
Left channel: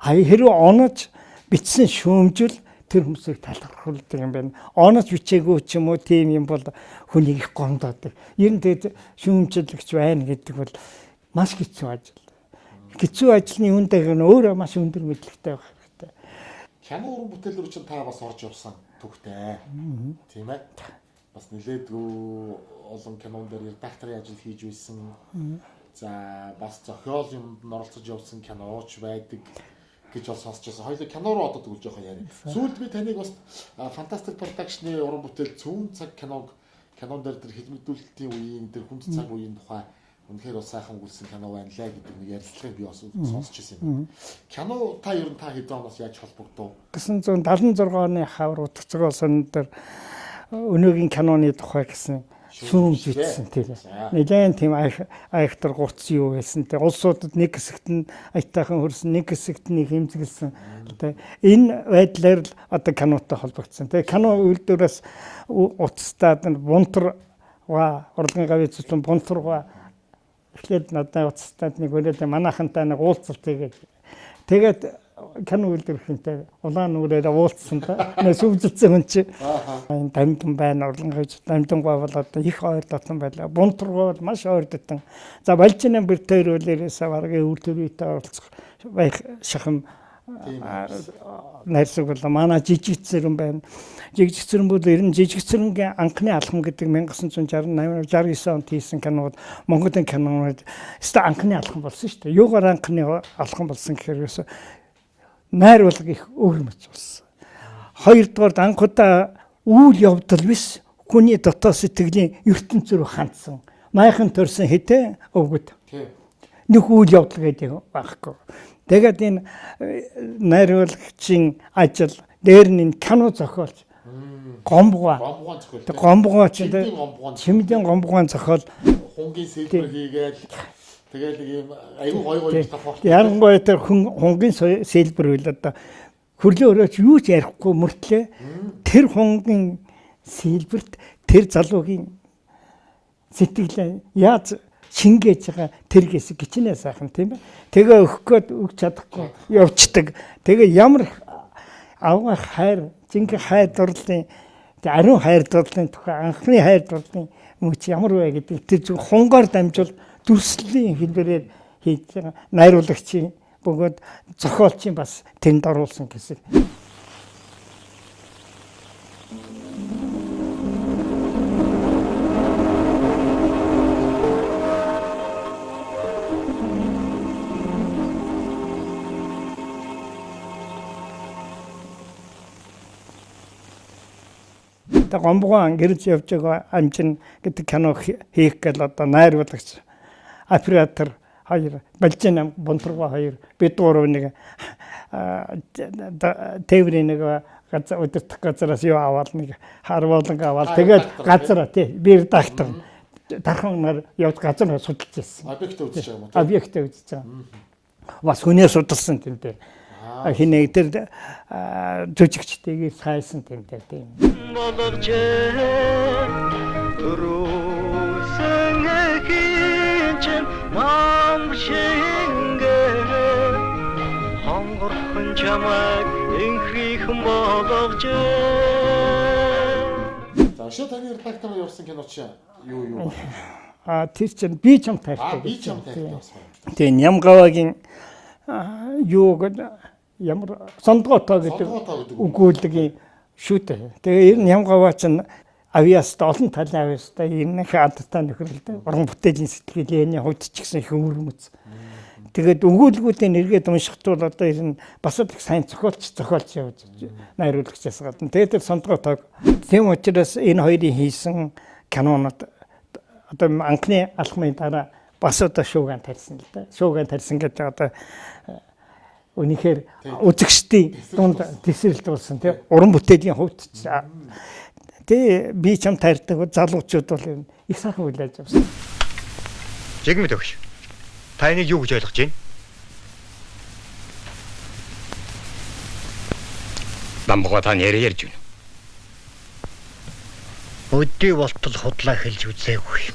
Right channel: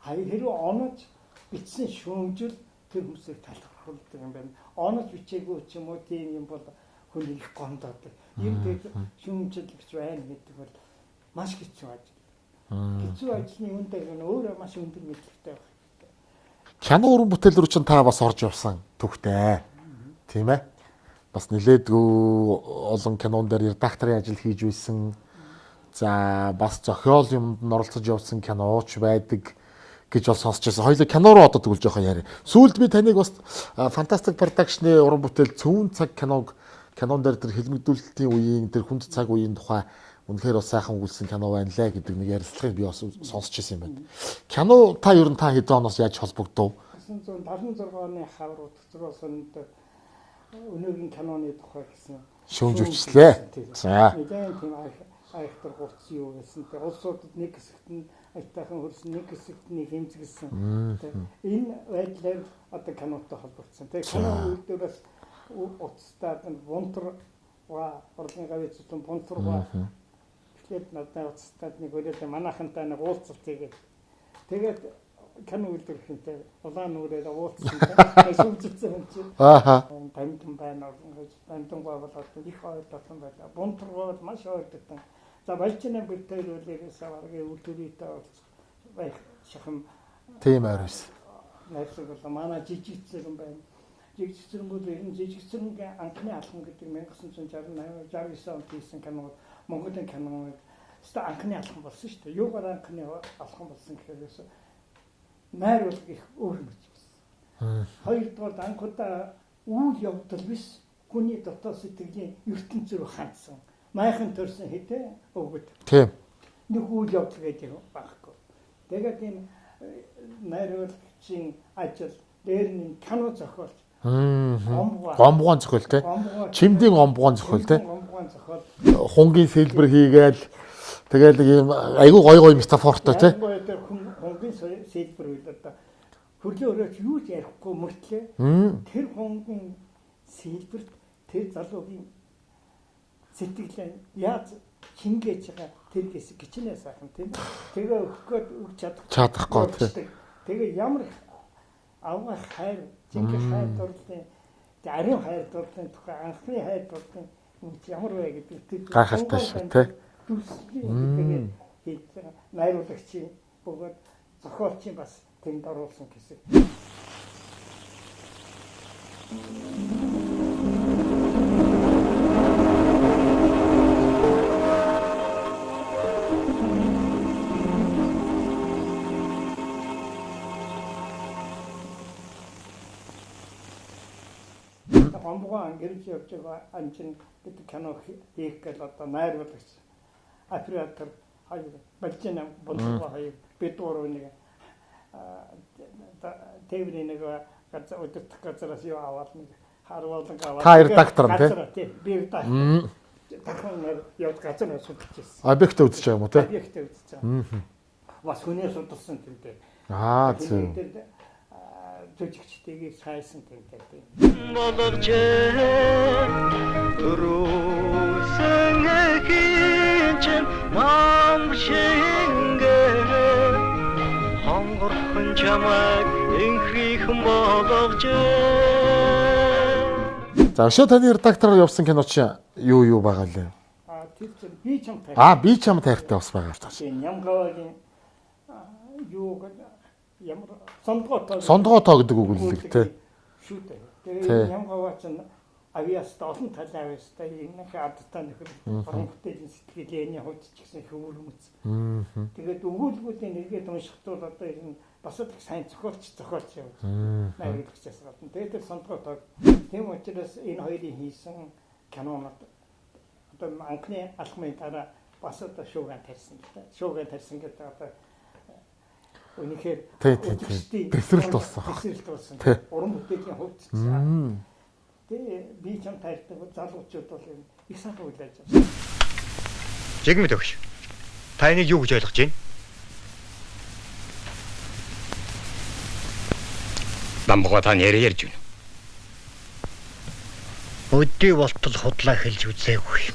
Хэрвээ онож бичсэн шүүмжил тэр хүмүүсийг талархуулдаг юм байна. Онож бичээгүй ч юм уу тийм юм бол хүнийг их гомдоодаг. Ер нь тэгээд шүүмжлэгч байна гэдэг бол маш хэцүү ажил. Хэцүү ажлын үүнтэйг нь өөрөө маш өндөр мэдлэгтэй байх хэрэгтэй. Кино уран бүтээл рүү чинь та бас орж явсан түүхтэй. Тийм ээ. Бас нэлээдгүй олон кинон дээр редакторын ажил хийж байсан. За бас зохиол юмд нь оролцож явсан киноч байдаг гэж бол сонсч байсан. Хоёулаа кино руу одоо тэгвэл жоохон яриа. Сүүлд би таныг бас Fantastic Production-ы уран бүтээл Цөөн цаг кинон дээр тэр хэлмэгдүүлэлтийн үеийн тэр хүнд цаг үеийн тухай Үнэхээр бас сайхан өгүүлсэн кино байна лээ гэдэг нэг ярилцлагыг би бас сонсч ирсэн юм байна. Кино та ер нь та хэдэн оноос яаж холбогдов? 1976 оны хавар утгацгоо сон дээр өнөөгийн киноны тухай гэсэн шүүмжлээ. За. Нэгэн тийм айхтар гуц юу байсан те улсуудад нэг хэсэгт нь аятайхан хөрсөн нэг хэсэгт нь хэмзгэлсэн те энэ байдлаар л одоо кинотой холбогдсон те кино үйлдвэрлээс уцтаад бунтар урлагийн гавь цэцлэн бунтар эхлээд надад уцтаад нэг өрөөд манайхантай нэг уулзалт тэгээд кино үйлдвэрлэхэнтэй улаан нүрээр уулзсан та сүвжилсэн хүн чи энэ дамтан байна урлагийн гавь дамтангаа бол одоо их ойр дотн байлаа бунтаргаа бол маш ойр дотн за балжинаа бэр төр үлээрээсээ баргийн үйлдвэртэй оролцох байх шахам тийм аа найрсаг бол манай жижиг цэрэн байна. Жижиг цэрэн бол ер нь жижиг цэрэнгийн анхны алхам гэдэг 1968 69 онд хийсэн кинод Монголын кинонууд өстой анхны алхам болсон шүү дээ. Юугаар анхны алхам болсон гэхээр ерөөсө найр болго их өөрмөц болсон. Хоёрдугаар анхудаа үйл явдал биш хүний дотоод сэтгэлийн ертөнц рүү хандсан. Майхан төрсэн хитэ өвгөд. Тийм. Нэг үйл явдал гэдэг байхгүй. Тэгээд энэ найруулагчийн ажил дээр нь кино зохиолч гомбгоо зохиол тийм. Гомбгоо Чимдийн гомбгоо зохиол тийм. Чимдийн гомбгоо зохиол хунгийн сэлбэр хийгээл тэгэл ийм айгүй гоё метафортой тийм. Ялангуяа тэр хунгийн сэлбэр үйл одоо хөрлөө өрөөч юу ч ярихгүй мөртлөө тэр хунгийн сэлбэрт тэр залуугийн сэтгэлээ яаж шингээж байгаа тэр хэсэг гिचнээ сайхан тийм ээ. Тэгээ өгөх гээд өгч чадахгүй явцдаг. Тэгээ ямар аваа хайр жинхэнэ хайр дурлалын ариун хайр дурлалын тухай анхны хайр дурлалын мөч ямар вэ гэдэг тэр зөв хунгаар дамжуул дүрслэлийн хэлбэрээр хийж байгаа найруулагчийн бөгөөд зохиолчийн бас тэнд оруулсан гэсэн. Гомбгоо гэрж явж байгаа амчин гэдэг кино хийх гэл одоо найруулагч оператор хоёр балжин бунтарга хоёр бид гурав нэг тээврийн нэг газар өдөртөх газараас юу аваад нэг харвуулан аваад тэгээд газар тий би редактор дархан нар явж газар судалж ирсэн. Объектээ үзэж байгаа юм уу тий? Объектээ үзэж байгаа. Бас хүнээ судалсан тийм дээ. Хинэг тэр жүжигчтэйгээ сайсан тэмтэй тийм. Боловч төрөөсөн хинч нам шингэ хонгорхон чамайг инхрийхэн боловч. За өшөө таны редактороор явсан кино чи юу байгаа вэ? Тэр чинь би чам тайртай. Би чам тайртай бас байгаа. Тийм Нямгавагийн юу гэдэг ямар сондгоо тоо гэдэг үг шүү дээ. Тэгээ энэ Нямгаваа чинь авиаст олон талын авиастай энэ хадтай нөхөрлөлтэй уран бүтээлийн сэтгэлийн хувьд ч гэсэн их өрмөц. Тэгээд өгүүлгүүдийн нэргээд уншихтуул одоо энэ бас их сайн зохиолч явж найруулагчаас гадна. Тэгээд тэр сондгоо тоо. Тийм учраас энэ хоёрын хийсэн кинонууд одоо анхны алхмын дараа бас одоо шууган тарьсан л да. Шууган тарьсан гэж одоо үнэхээр үзэгчдийн тесрэлт болсон тийм уран бүтээлийн хувьд тий би чам таардаг залуучууд бол их сайхан хүлээж авсан. Жигмэд өгш. Та энийг юу гэж ойлгож байна? Бамбага та ярьж байна. Өдөө болтол худлаа хэлж үзээгүй.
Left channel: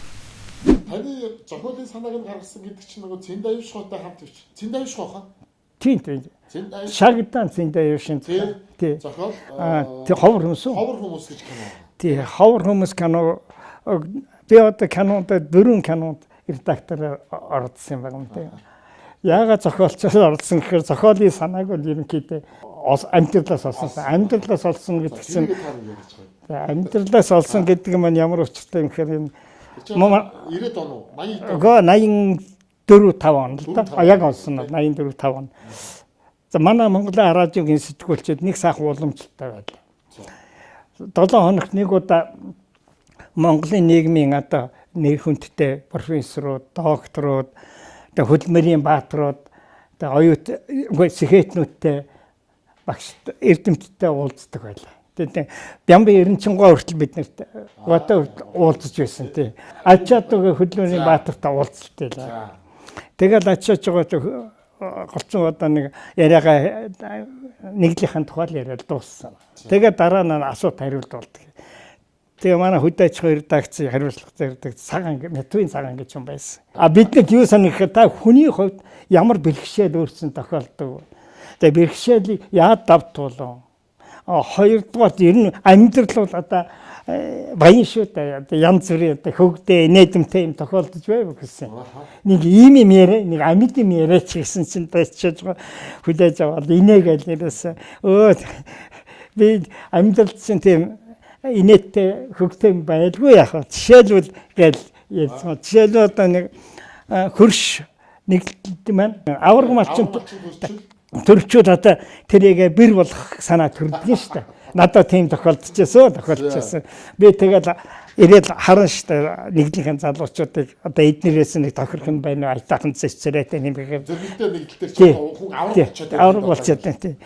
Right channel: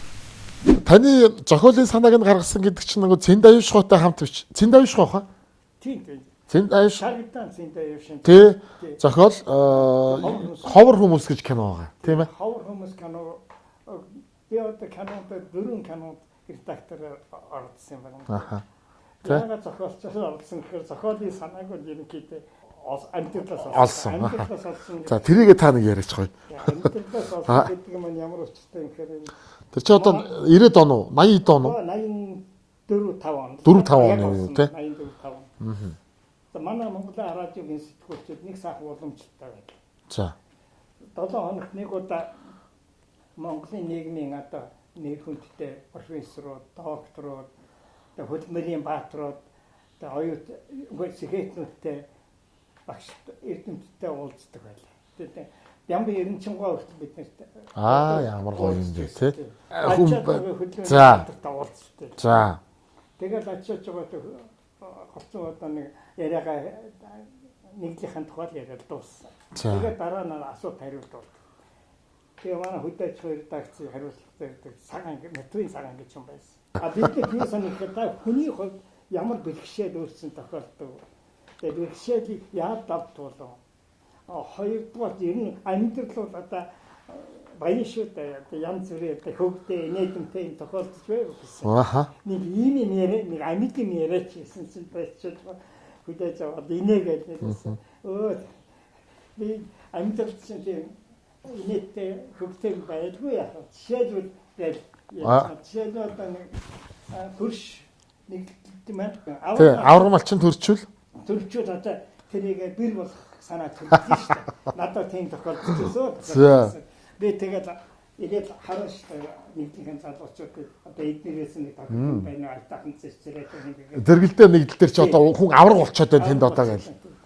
Таны зохиолын санааг нь гаргасан гэдэг чинь нөгөө Цэндаюшхойтой хамт биш. Цэндаюшхой хаа? Тийм. Шагдан Цэндаюшин. Тий. Зохиол ховор хүмүүс гэж кино байгаа. Тийм ховор хүмүүс кино би одоо кинонд 4 кинонд редактор оролцсон юм байна. Яагаад зохиолчоос оролцсон гэхээр зохиолын санааг бол ерөнхийдөө амьдралаас олсон. Амьдралаас олсон гэдэг. За тэрийг та нэг яриач гоё. Амьдралаас олсон гэдэг нь ямар учиртай юм гэхээр энэ тэр чи одоо 90 он уу 80 он 84 5 он. 4-5 яг олсон 84 5 он. За манай Монголын радиогийн сэтгүүлчид нэг сайхан уламжлалтай байлаа. За 7 хоногт нэг удаа Монголын нийгмийн одоо нэр хүндтэй профессорууд, докторууд, тэгээ хөдөлмөрийн бааtruуд, тэгээ оюут сэхэтнүүдтэй багш эрдэмтдтэй уулздаг байлаа. Тэгээд Бямбын 93 хүртэл бид нарт одоо уулзж байсан тий. Ачаатгийн хөдөлмөрийн баатартай уулзалтай л. За. Тэгээд ачаач байгаа голцсон одоо нэг яриагаа нэглийнхэн тухай л яриад дууссан. Тэгээд дараа нь асуулт хариулт болдог. Тэгээ манай хөдөө аж ахуйн редакцийн хариуцлага зэрэг цагаан метрийн цагаан гэж юм байсан. Биднэрт юу санах та хүний хувьд ямар бэрхшээл өөрчлөн тохиолдог. Тэгээ бэрхшээлийг яад давтуулсан. Хоёрдугаар ер нь амьдрал бол одоо баян шүү дээ. Янз бүрийн хөвгдөө инээдэмтэй юм тохиолдож байв гэсэн. Нэг ийм юм яриа, нэг амьд юм яриач гэсэн чинь тачиж хүлээж аваад инээгээл нэрээс би амьдрал чинь тийм инээдтэй хөвгтэй байлгүй яах вэ? Жишээлбэл гээл ярьсан. Жишээлбэл одоо нэг хөрш нэг маань авар малчин төрчүүл одоо тэрийг бэр болох санаа төрдөг шүү дээ. Надад тийм тохиолдчихсон. Би тэгээд ирээд харан шүү дээ нэглийнхэн залуучуудыг одоо эднэрээс нэг тохирох юм байна уу? Айтаахан цэцэрэтэй юм гэхээр дэргэлдээ нэгдэл төр чи одоо хүн авраг болчиход байна.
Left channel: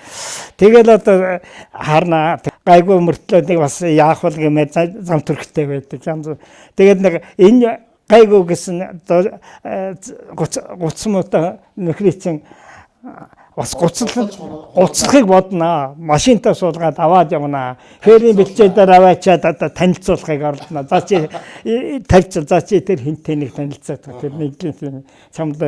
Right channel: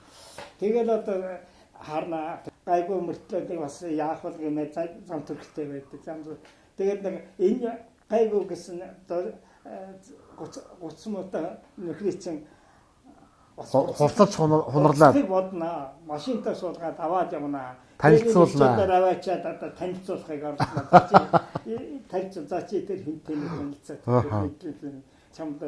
Тэгэл одоо харна гайгүй мөртлөөдийг бас яах вэ гэмээр зам төрхтэй байдаг. Тэгээд нэг энэ гайгүй гэсэн гуцмуутай нөхрийн чинь бас гуцлахыг бодно. Машинтаа суулгаад аваад явна. Хэрийн бэлчээр аваачаад одоо танилцуулахыг оролдоно. За чи тавьч за чи тэр хинтээ нэг танилцаад тэр нэг чамд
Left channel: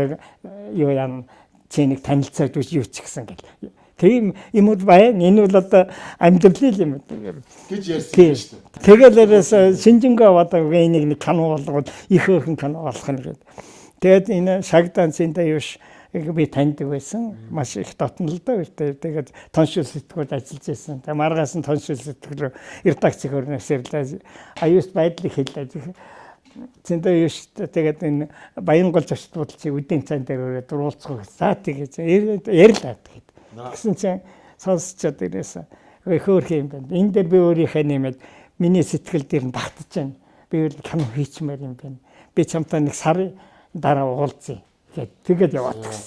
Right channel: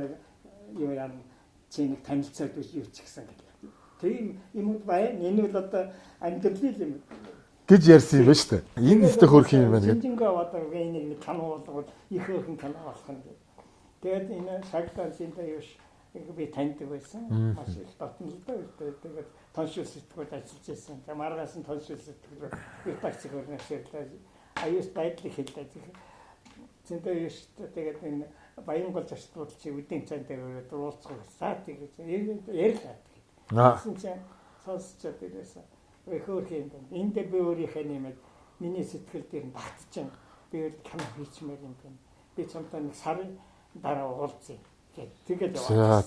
юу яам чи нэг танилцаад юу ч гэсэн гэл. Тийм юмуд байна. Энэ бол одоо амьдрал юм гэж ярьсан юм шүү дээ. Тэгээд Шинжингээ одоо нэг кино болгоод их хөөрхөн кино болох нь гэдэг. Тэгээд энэ шагданцында юу би таньдаг байсан. Маш их дотно л доо. Тэгээд тоншил сэтгүүл ажиллаж байсан. Тэгээд маргаас нь тоншил сэтгүүл редакцийн хөрнөөс ирлээ. Аюус байдлыг хэллээ. Зөндөө юу шүү дээ. Тэгээд энэ Баянгол зочдлууд чи үдийн цан дээр өрөөд уулзах. За тэгээд ярьлаа тэгээд. Гэсэн чинь сонсчод ирээсэн. Хөөх юм байна. Энд дээр би өөрийнхөө нэмээд миний сэтгэл дээр нь багтаж байна. Би өөр кино хийчмээр юм байна. Би чамтай нэг сарын дараа уулзъя. Тэгээд яваа.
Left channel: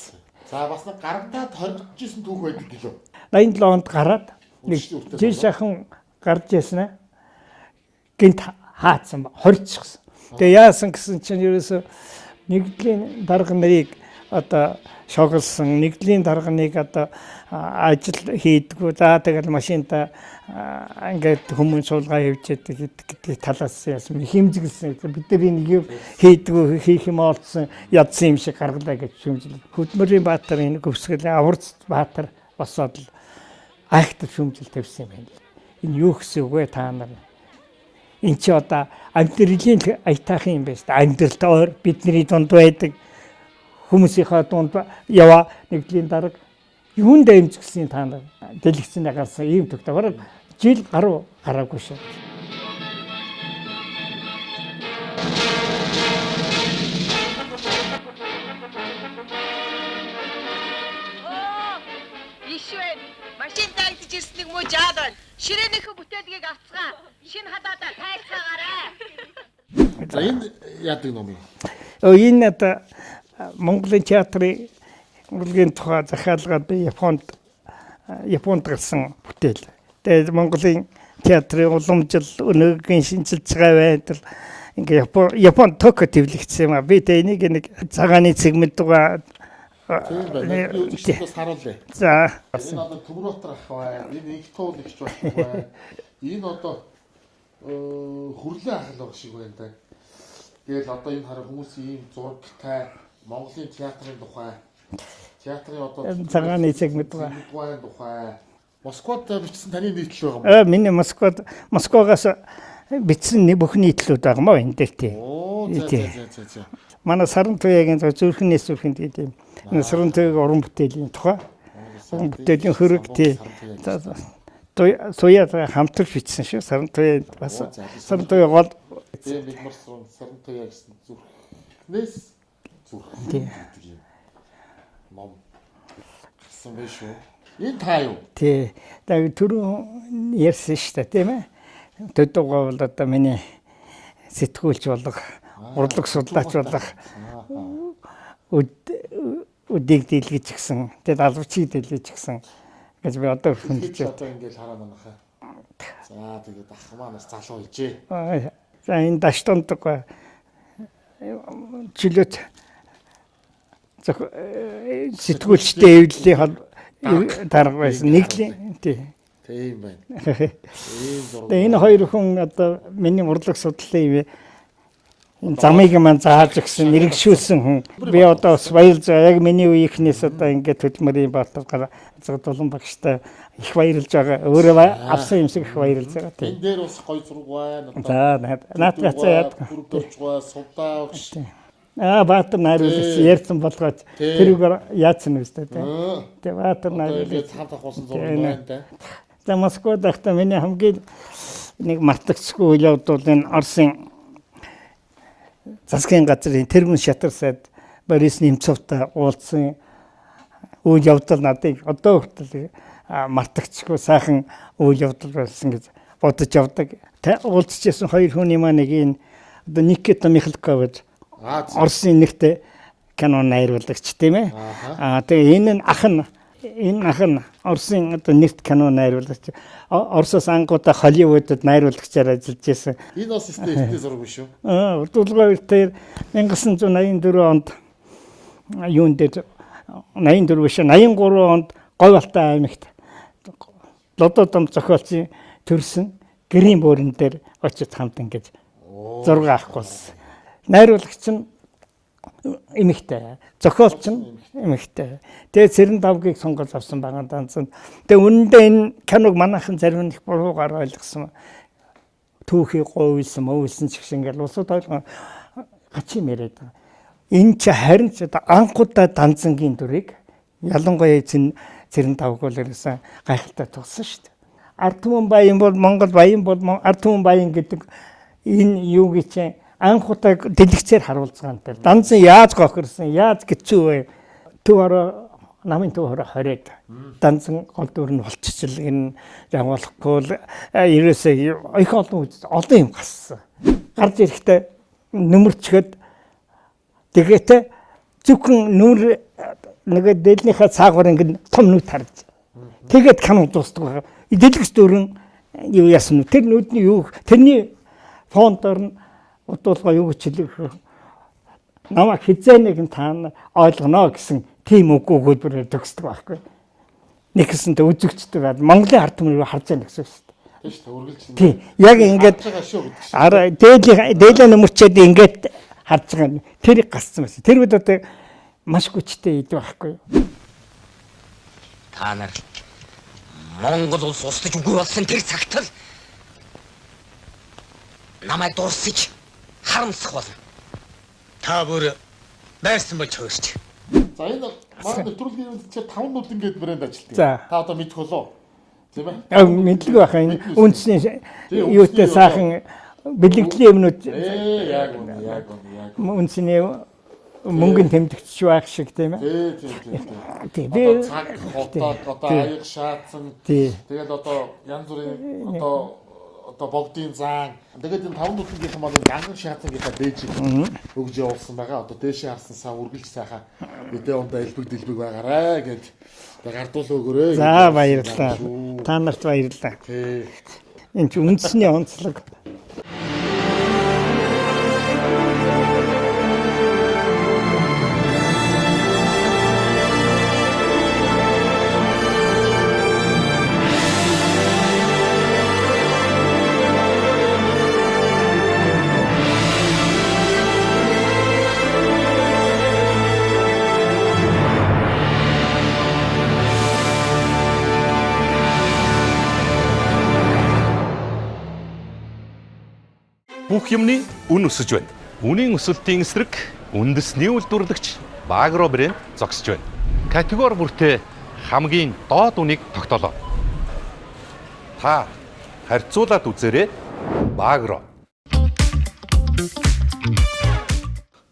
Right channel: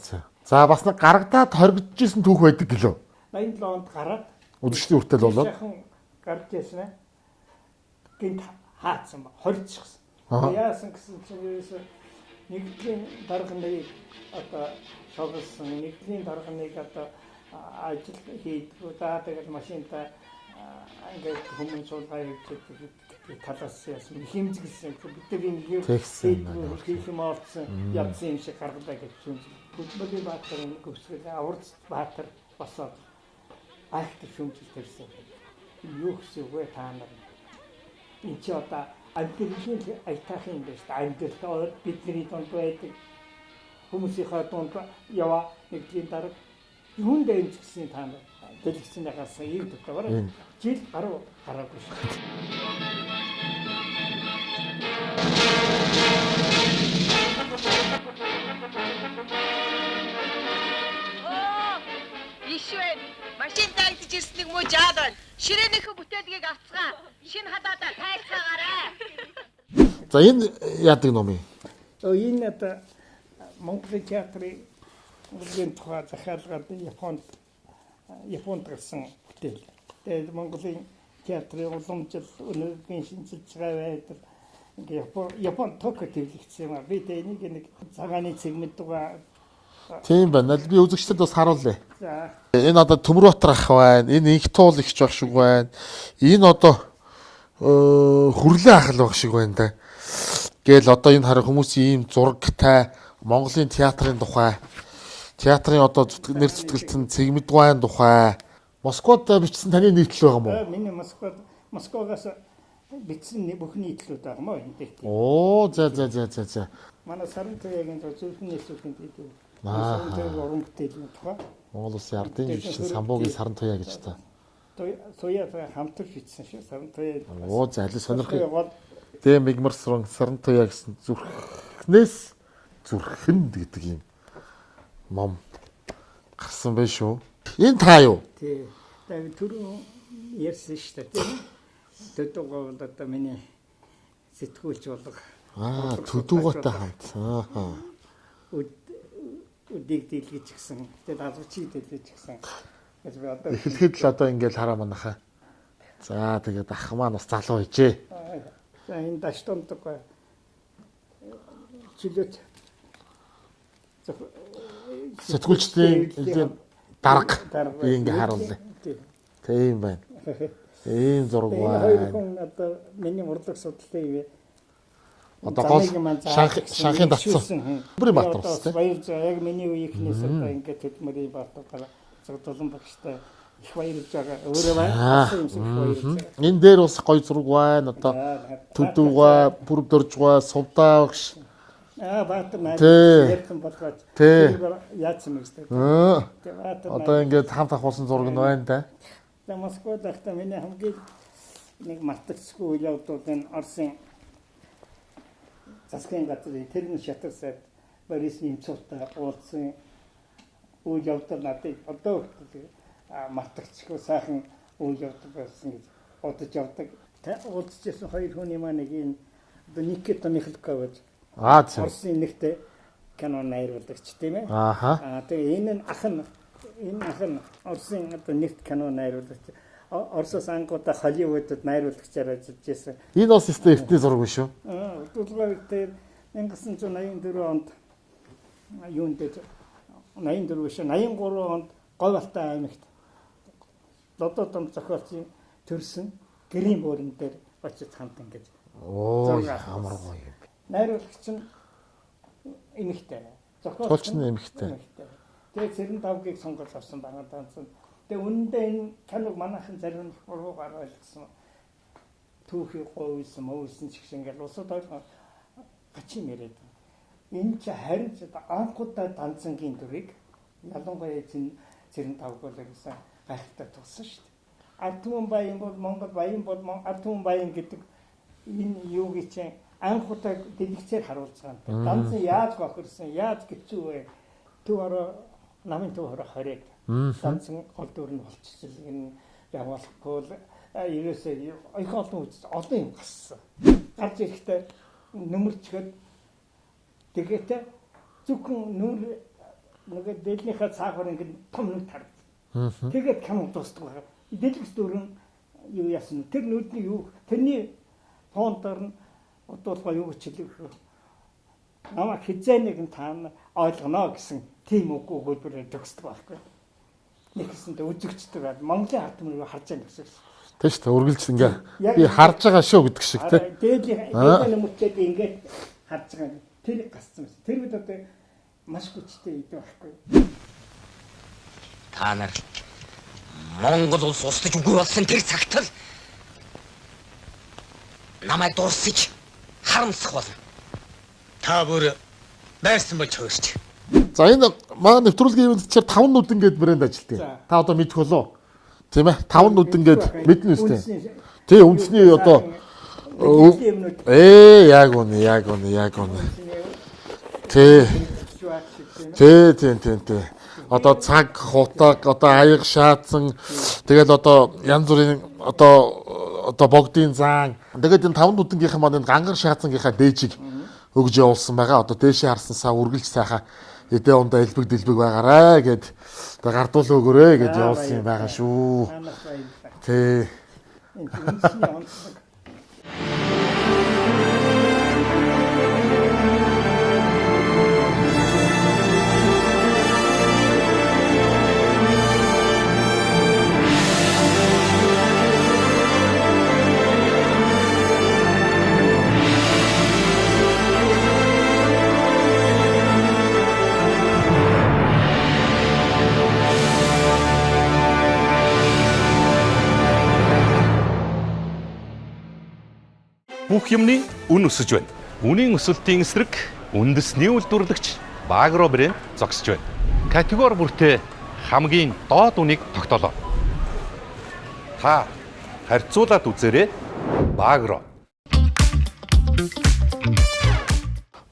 За бас нэг гаргадаад хоригдчихсэн түүх байдаг гэлөө. 87 онд гараад өдөртний хүртэл болоо. Жишээхэн гарч яснаа гинт хаацсан хоригдчихсан. Тэгээ яасан гэсэн чинь ерөөсө нэгдлийн дарга нарыг одоо шоглсон, нэгдлийн дарганыг одоо ажил хийдгүү. За тэгэл машинтаа ингээд хүмүүс суулгаа явж байдаг талаас яасан хэмжиглсэн. Бид нар нэг хийдгүү хийх юм олдсон ядсан юм шиг гаргалаа гэж шүмжил. Хөдөлмөрийн баатар энэ гөвсгөл аварц баатар босоод айхтар шүмжил тавьсан юм байна. Энэ юу гэсэн үг вэ та нар? Энд чи одоо амьдралын аятайхан юм байна шүү дээ. Амьдралд ойр бидний дунд байдаг хүмүүсийнхээ дунд яваа нэгдлийн дарга юунд дэмжигсэн та нар дэлгэцнээ гарсан ийм тогтоогоор жил гараагүй шүү. Ишвэн машин тайлж ирснийг муу жаад байна. Ширээнийхээ бүтээлгийг авцгаа. Шинэ хадаадаа тайлцаагаарай. За энэ яадаг ном юм? Энэ одоо Монголын театрын урлагийн тухай захиалгаад би Японд гарсан бүтээл. Тэгээд Монголын театрын уламжил өнөөгийн шинжилж байгаа байдал ингээ Японд Токио төвлөгдсөн юм а. Би тэ энийг нэг цагааны цэгмэд дугаа тийм байна. Би үзэгчдэд бас харуулъя. За энэ одоо Төмөрбатар ах байна. Энэ инх туул ихч баг шиг байна. Энэ одоо хүрлээ ах л баг шиг байна да. Гээл одоо энэ хараа хүмүүсийн ийм зурагтай Монголын театрын тухай театрын одоо зүтгэмжтэй цэгмэдгайн тухай Москвад бичсэн таны нийтлэл байгаа юм уу? Миний Москвагаас бичсэн бүх нийтлүүд байгаа мó энэ дээр тийм. Оо за. Манай Саран Туяагийн зүрхнээс зүрхэнд гэдэг юм. Саран Туяагийн уран бүтээлийн тухай. Бүтээлийн хөрөг тийм. Туяа хамтарч бичсэн шүү. Саран Туяа бас. Саран Туяа гол Дэм мигмарсрон Саран Туяа гэсэн зүрхнээс зүрхэнд гэдэг юм. Мом гарсан байх шүү. Энэ та юу? Тий. Тэгээд түрүү ярьсан шүү дээ, тийм ээ. Төдөгөө бол одоо миний сэтгүүлч болго урлаг судлаач болох өдийг дийлгэж гисэн. Тэгээд албачийг дийлгэж гисэн. Гэж би одоо тэгэхэд л одоо ингээл хараа манайхаа. За тэгээд ах маань бас залуу хийжээ. За энэ даштонд жилет сэтгүүлчтэй эвлэлийн дарга байсан. Нэг тийм байна. Ийм зураг. Энэ хоёр хүн одоо миний урлаг судлалын замыг маань зааж өгсөн, нэргшүүлсэн хүн. Би одоо бас баярлж байгаа. Яг миний үеийнхнээс одоо ингээд хөдөлмөрийн баатар зэгдүүлэн багштай их баярлж байгаа. Өөрөө авсан юм шиг их баярлж байгаа. Энэ дээр бас гоё зураг байна. Одоо бүр дөржгаа сувдаа багш. Баатар найруулсан ярьсан болгоод тэрүүгээр яатсан үстэй. Тэгээ баатар одоо ингээд хамт авсан зураг байна да. За Москвад ахта миний хамгийн нэг мартагдчихгүй үйл явдал энэ Оросын засгийн газрын тэргүүн шатар сайд Борис Немцовтай уулзсан үйл явдал надыг одоо хүртэл мартагдчихгүй сайхан үйл явдал байсан гэж бодож явдаг. Уулзчихсан хоёр хүний маань нэг энэ одоо Никита Михалков гэж Оросын нэгтэй кино найруулагч тийм ээ. Тэгээ энэ ах нь Оросын одоо нэгт кино найруулагч. Оросоос ангуудаа Холливуудад найруулагчаар ажиллаж байсан. Энэ бас эртний зураг биш үү? Урдуулгын үеэр 1984 онд юун дээр 84 биш 83 онд Говьалтай аймагт лододом зохиолчийн төрсөн гэрийн буурин дээр очиж хамт ингэж зураг авах болсон. Найруулагч нь эмэгтэй, зохиолч нь эмэгтэй. Тэгээд Цэрэн давгийг сонгож авсан байгаа данцсан. Тэгээд үнэндээ энэ киног манайхан зарим их буруугаар ойлгосон. Түүхий говьсон, мөвсөн ч гэсэн ингээл усууд ойлгоо гачим яриад. Энэ ч харин ч одоо анхудаа данцангийн дүрийг ялангуяа Цэрэн давг бол ерөөсөн гайхалтай тулсан шүү дээ. Ард түмэн баян бол Монгол баян бол ард түмэн баян гэдэг энэ юу гэж анхудаа дэлгэцээр харуулж байгаа юм дээр. Данцан яаж гохирсон, яаж гэцүү вэ? Төв намын төв 20-д данцан гол дүр нь болчихчихл энэ явуулахгүй ерөөсөө их олон юм гассан. Гарч ирэхдээ нөмөрчгöd тэгээд зөвхөн нүр нэг дээлнийхээ цаагуур ингэ том нүд харж. Тэгээд кино дуустдаг байгаа. Дэлгэц дүрэн юу яасан нь тэр нүдний юу тэрний фонтоор нь удуулга юу гэж хэлэх намайг хизээнэг нь та ойлгоно гэсэн тийм үггүй хөлбөрөөр төгсдөг байхгүй. Нэгсэнтэй үзэгчдэг бод Монголын ард түмнийг харж байгаа гэсэн шүү дээ. Тийм шүү дээ. Үргэлж ингээд яг ингэж харж байгаа шүү гэдэг шиг. Дээлээ нөмөрчөөд ингээд харж байгаа. Тэрийг гасцсан байсан. Тэр үед одоо маш хүчтэй идэв байхгүй. Та нар Монгол улс устж үгүй болсон тэр цагт л намайг дуусчих харамсах болно. Та бүр байрсан болж хөөсч. За энэ маань нэвтрүүлгийн юмд чир 5 нүдэн гээд брэнд ажилтдаг. Та одоо мэдэх болоо. Тийм ээ. 5 нүдэн гээд үндэсний юутай сайхан бэлгэлийн юмнууд. Яг үнэ. Үндэсний Монгол тэмдэгч байх шиг тийм ээ. Тийм. Одоо цаг хутаг, одоо аяг шаацсан. Тэгэл одоо янз бүрийн одоо богдын зан. Тэгээд энэ 5 нүдэнгийнхэн маань дангар шаацсангийнхаа дээжийг өгж явуулсан байгаа. Одоо дээшээ харсансаа үргэлж сайхан эдээ ундаа элбэг байгаарэ гэд одоо гардуул өгөөрэй гэж баярлалаа шүү. Та нарт баярлалаа. Тий. Энд чинь үндэсний онцлог. Бүх юмны үн өсөж байна. Үнийн өсөлтийн эсрэг үндэсний үйлдвэрлэгч Багро брэнд зогсож байна. Категори бүртээ хамгийн доод үнийг тогтоолоо. Та харьцуулаад үзээрэй. Багро.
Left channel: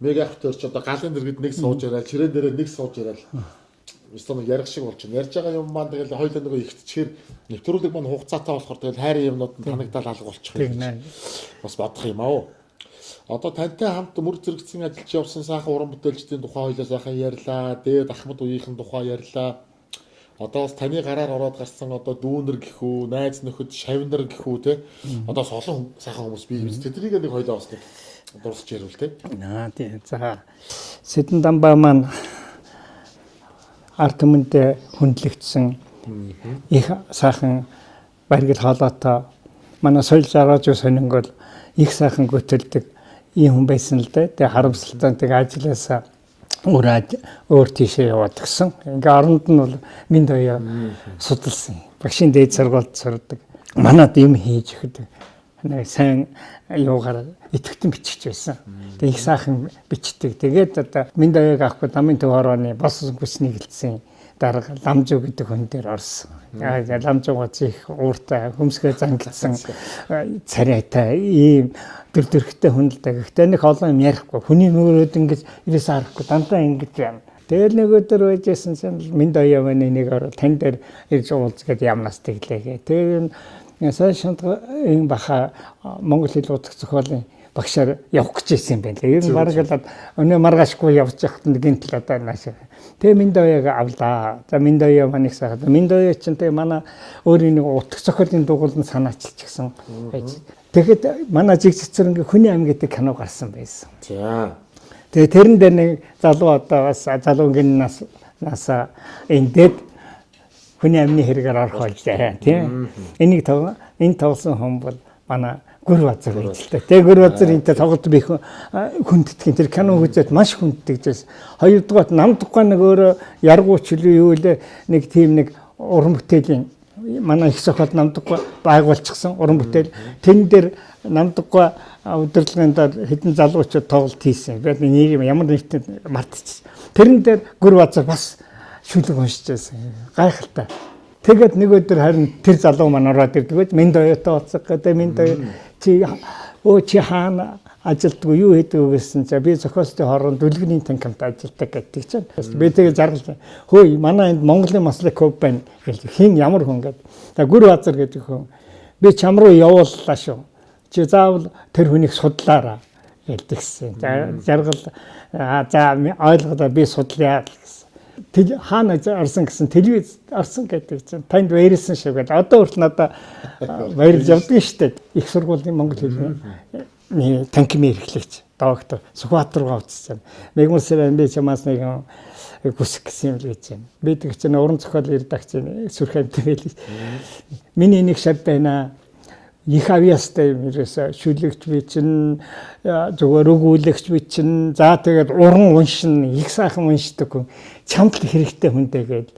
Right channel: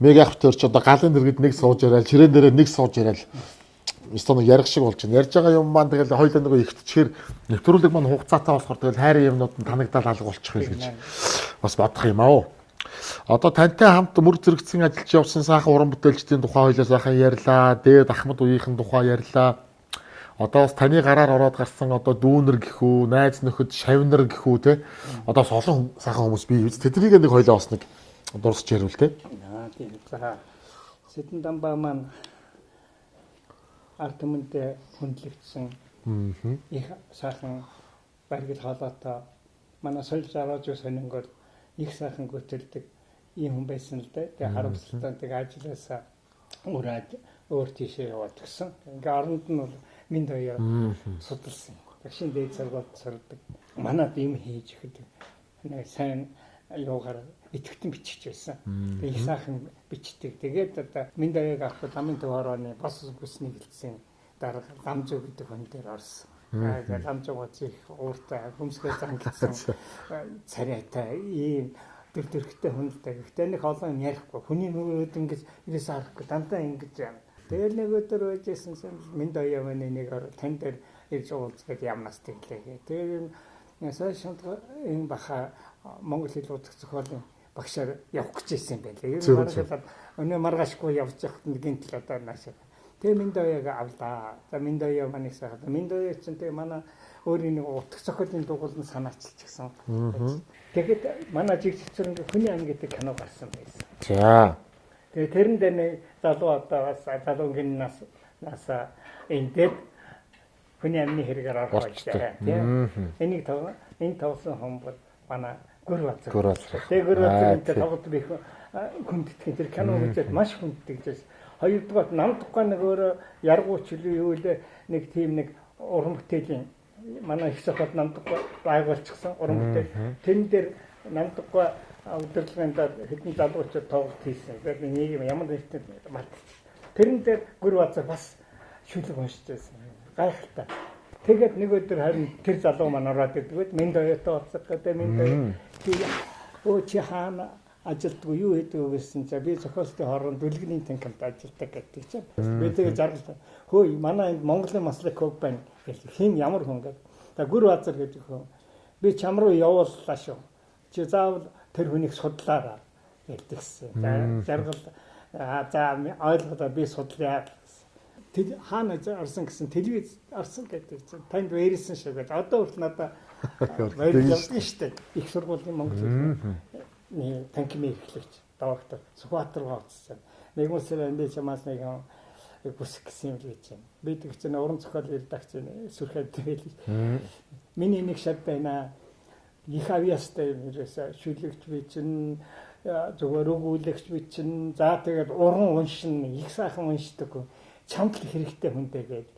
Мега авторч одоо галын дэргэд нэг сууж яриад, чирээн дээрээ нэг сууж яриад. Стон ярих шиг болж байна. Ярьж байгаа юм маань тэгэл хоёулаа нэг ихтчихээр нэвтрүүлэг маань хугацаатай болохоор тэгэл хайрын юмнууд нь танагдал алга болчих юм гэж бас бодох юм аа. Одоо тантай хамт мөр зэрэгцэн ажиллаж явсан сайхан уран бүтээлчдийн тухай хоёлаа сайхан ярьлаа. Дээд Ахмад үеийнхэн тухай ярьлаа. Одоо бас таны гараар ороод гарсан одоо дүүнэр гэхүү, найз нөхөд, шавнар гэхүү те. Одоо бас олон сайхан хүмүүс бий биз. Тэднийг нэг хоёлаа бас нэг дурсч ярил те. Тийм. За Сэдэн Дамбаа маань ард түмэндээ хүндлэгдсэн их сайхан баригл хоолойтой манай соёл жаргаж сонингол их сайхан гүтэлдэг ийм хүн байсан л дээ. Тэгээ харамсалтай тэгээ ажилласаа өөр тийшээ яваад гисэн. Ингээ оронд нь бол минь даяа судалсан. Багшийн дээд сургуульд сурдаг. Манад юм хийж өгдөг. Нэг сайн юугаар итгэвчэн бичиж байсан. Тэгээ их сайхан бичдэг. Тэгээд одоо минь даяаг авахгүй намын төв хорооны бос бүсний гэлцсэн дарга ламжуу гэдэг хүн дээр орсон. Яг ламжууга чих ууртай хөмсгөө зангидсан царайтай ийм дөрдөрхтэй хүн л да. Гэхдээ нэг олон юм ярихгүй. Хүний нүрээд ингэж ирээс харахгүй дандаа ингэж байна. Тэгэл нэг өдөр байжсэн чинь минь даяа манай нэг орол тань дээр ирж уулзгээд ямнаас тэглээгээ. Тэгээ сайн шантга энэ баха Монгол хэл удах зохиолын багшаар явах гэж байсан юм байна. Ер нь бараг л өнөө маргаашгүй явж байхад нэгэн тал одоо нааш. Тэгээ минь даяаг авлаа. За минь даяа манайх сахад. Минь даяа чинь тэгээ манай өөрийн нэг утга зохиолын дугууланд санаачилж гисэн байж. Тэгэхэд манай жигцэрэн хүний ам гэдэг кино гарсан байсан. За. Тэгээ тэрэн дээр нэг залуу одоо бас залуугийн насаа эндээд хүний амны хэрэгээр орох байлаа тийм. Энийг энэ тоглосон хүн бол манай Гүр Базар хэлтэй. Тэгээ Гүр Базар энэ тоглолт би хүндтгэн тэр кино үзээд маш хүндтгэжээс. Хоёрдугаар намдахгүй нэг өөрөө яргууч юу вэ нэг тийм нэг уран бүтээлийн манай их зохиол намдахгүй байгуулчихсан уран бүтээл. Тэн дээр намдахгүй удирдлагын хэдэн залуучууд тоглолт хийсэн. Тэгээд нэг ямар нэгт мартчихсан. Тэрэн дээр Гүр Базар бас шүлэг уншиж байсан. Гайхалтай. Тэгээд нэг өдөр харин тэр залуу маань ороод ирдэг. Минь даяатай уулзах гэдэг минь даяа чи хаана ажилтгүй юу хийдэг гэсэн чинь би зохиолчдын хооронд дүлгэний танхимд ажилтдаг гэдэг чинь. Би тэгээ зарлаа. Хөөе манай энд Монголын маслак клуб байна гэж хин ямар хүн гэдэг. Тэгээ Гүр Базар гэдэг хүн. Би чам руу явууллаа шүү. Чи заавал тэр хүнийг судлаараа гэлдэгсэн. За жаргал за ойлголоо би судлаа гэсэн. Хаана орсон гэсэн телевиз орсон гэдэг чинь танд баярлсан шиг байна. Одоо хүртэл надаа баярлж явдаг шүү дээ. Их сургуулийн Монгол хэлний танхимын эрхлэгч доктор Сүхбаатар руу авчихсан. Мэгмүсэр би чамаас нэг хүсэх гэсэн юм л гэж байна. Би тэг чинь уран зохиол редакцийн сүрхэм тэвэл миний нэг шат байна. Их авьяастай юм ерөөсө шүлэгч би чинь зүгээр өгүүлэгч би чинь за тэгээд уран уншин их сайхан уншдаг хүн чамд хэрэгтэй хүнтэй гээд.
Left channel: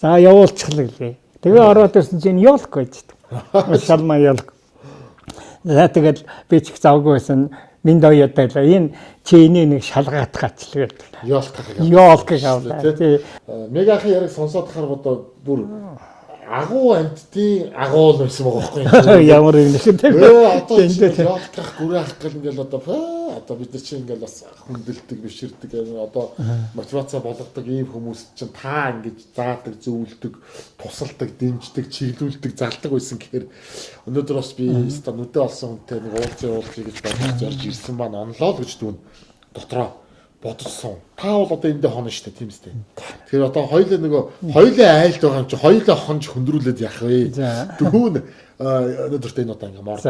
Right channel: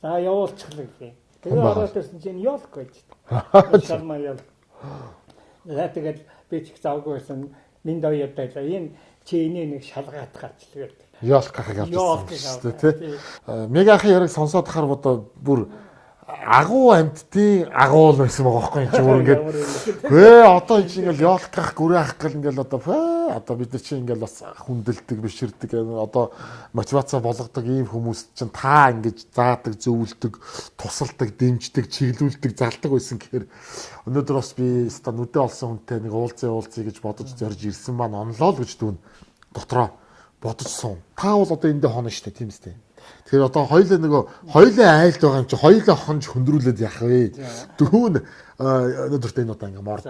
За явуулчихлаа гэлээ. Тэгээ ороод ирсэн чинь ёлк гэж. Шалмаа ёлк. За тэгээд би ч их завгүй байсан. Минь даяатай л энэ чи энийг нэг шалгаад гачлаа гэдэг. Ёлк гэж. Мегахан яриг сонсоод хахаар одоо бүр агуу амьдтын агуул байсан байгаа байхгүй юу? Ямар юм шиг тийм. Одоо энэ ёолтгах гүрээ ах гэл ингээл одоо бид нар чинь ингээл бас хүндэлдэг биширдэг одоо мотивац болгодог ийм хүмүүс чинь та ингэж заадаг, зөвлөдөг, тусалдаг, дэмждэг, чиглүүлдэг, залдаг байсан гэхээр өнөөдөр бас би ста нүдэ олсон хүнтэй нэг уулзъя гэж бодож зорж ирсэн маань онлоо л гэж дүүн дотроо бодсон. Та бол одоо эндээ хонно шүү дээ, тийм үстэй. Тэгэхээр одоо хоёулаа айлд байгаа юм чи хоёулаа хонж хөндрүүлээд яах вэ? Дүүн өнөөдөртөө энэ одоо ингээ морд.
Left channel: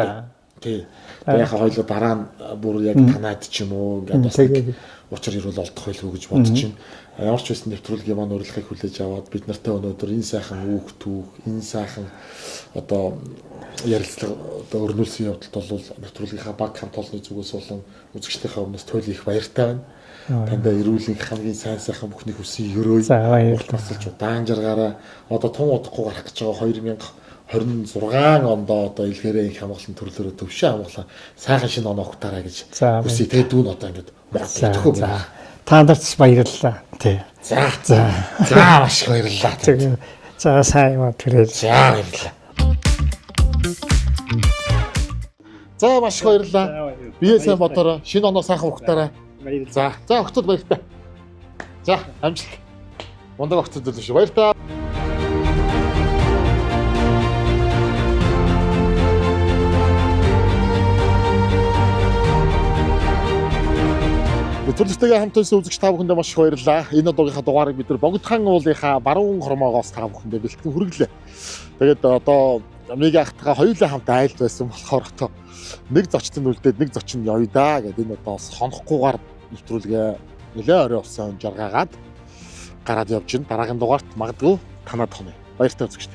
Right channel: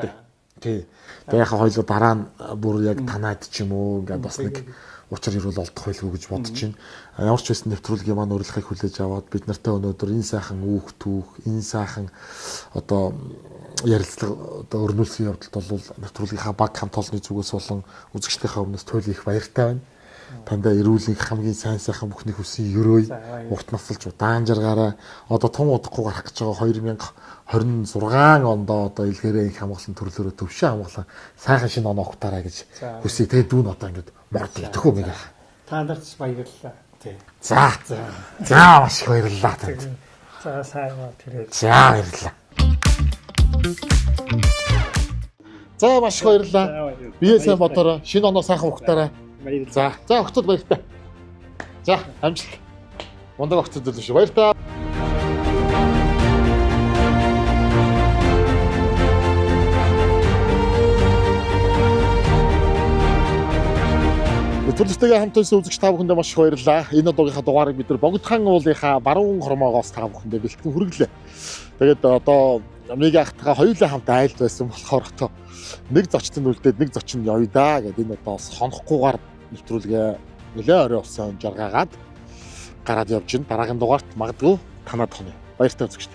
Тий. Яг хоёулаа дараа нь бүр яг танаад ч юм уу ингээд бас нэг учир ирүүл олдох байлгүй гэж бодож байна. Ямар ч байсан нэвтрүүлгийн маань урилгыг хүлээж аваад бид нартай өнөөдөр энэ сайхан үүх түүх, энэ сайхан одоо ярилцлага одоо өрнүүлсэн явдалд бол нэвтрүүлгийнхаа баг хамт олонны зүгээс болон үзэгчдийнхээ өмнөөс туйлын их баяртай байна. Тандаа эрүүлэн хамгийн сайн сайхан бүхний хүсье өрөөе. Урт насалж удаан жаргаараа одоо том удахгүй гарах гэж байгаа 2026 онд одоо илгээрээ их хамгаалсан төрлөөрөө төвшин хамгаалаа сайхан шинэ оноо ухтаарай гэж хүсье. Тэгээ дүүн одоо ингэж мордчихгүй байна. Та нарт баярлалаа. Тий. За маш их баярлалаа. За сайн юм тэрэл. За баярлалаа. За маш их баярлалаа. Бие сайн бодороо шинэ оноо сайхан ухтаарай. За огцод баяртай. За амжилт. Мундаг огцод төлөв шүү. Баяртай. Нэвтрүүлэгтэйгээ хамт байсан үзэгч та бүхэндээ маш их баярлалаа. Энэ удаагийнхаа дугаарыг бид нар Богдхан уулынхаа баруун хормоогоос та бүхэндээ бэлтгэн хүргэлээ. Тэгээд одоо Мега ахтгаа хоёулаа хамт айлд байсан болохоор одоо нэг зочдод үлдээд нэг зочин явъя да гэдэг энэ одоо сонохгүйгээр нэвтрүүлгээ нэлээ орой болсон жаргаагаад гараад явж гин дараагийн дугаарт магадгүй танаад хонё. Баяртай үзэгч.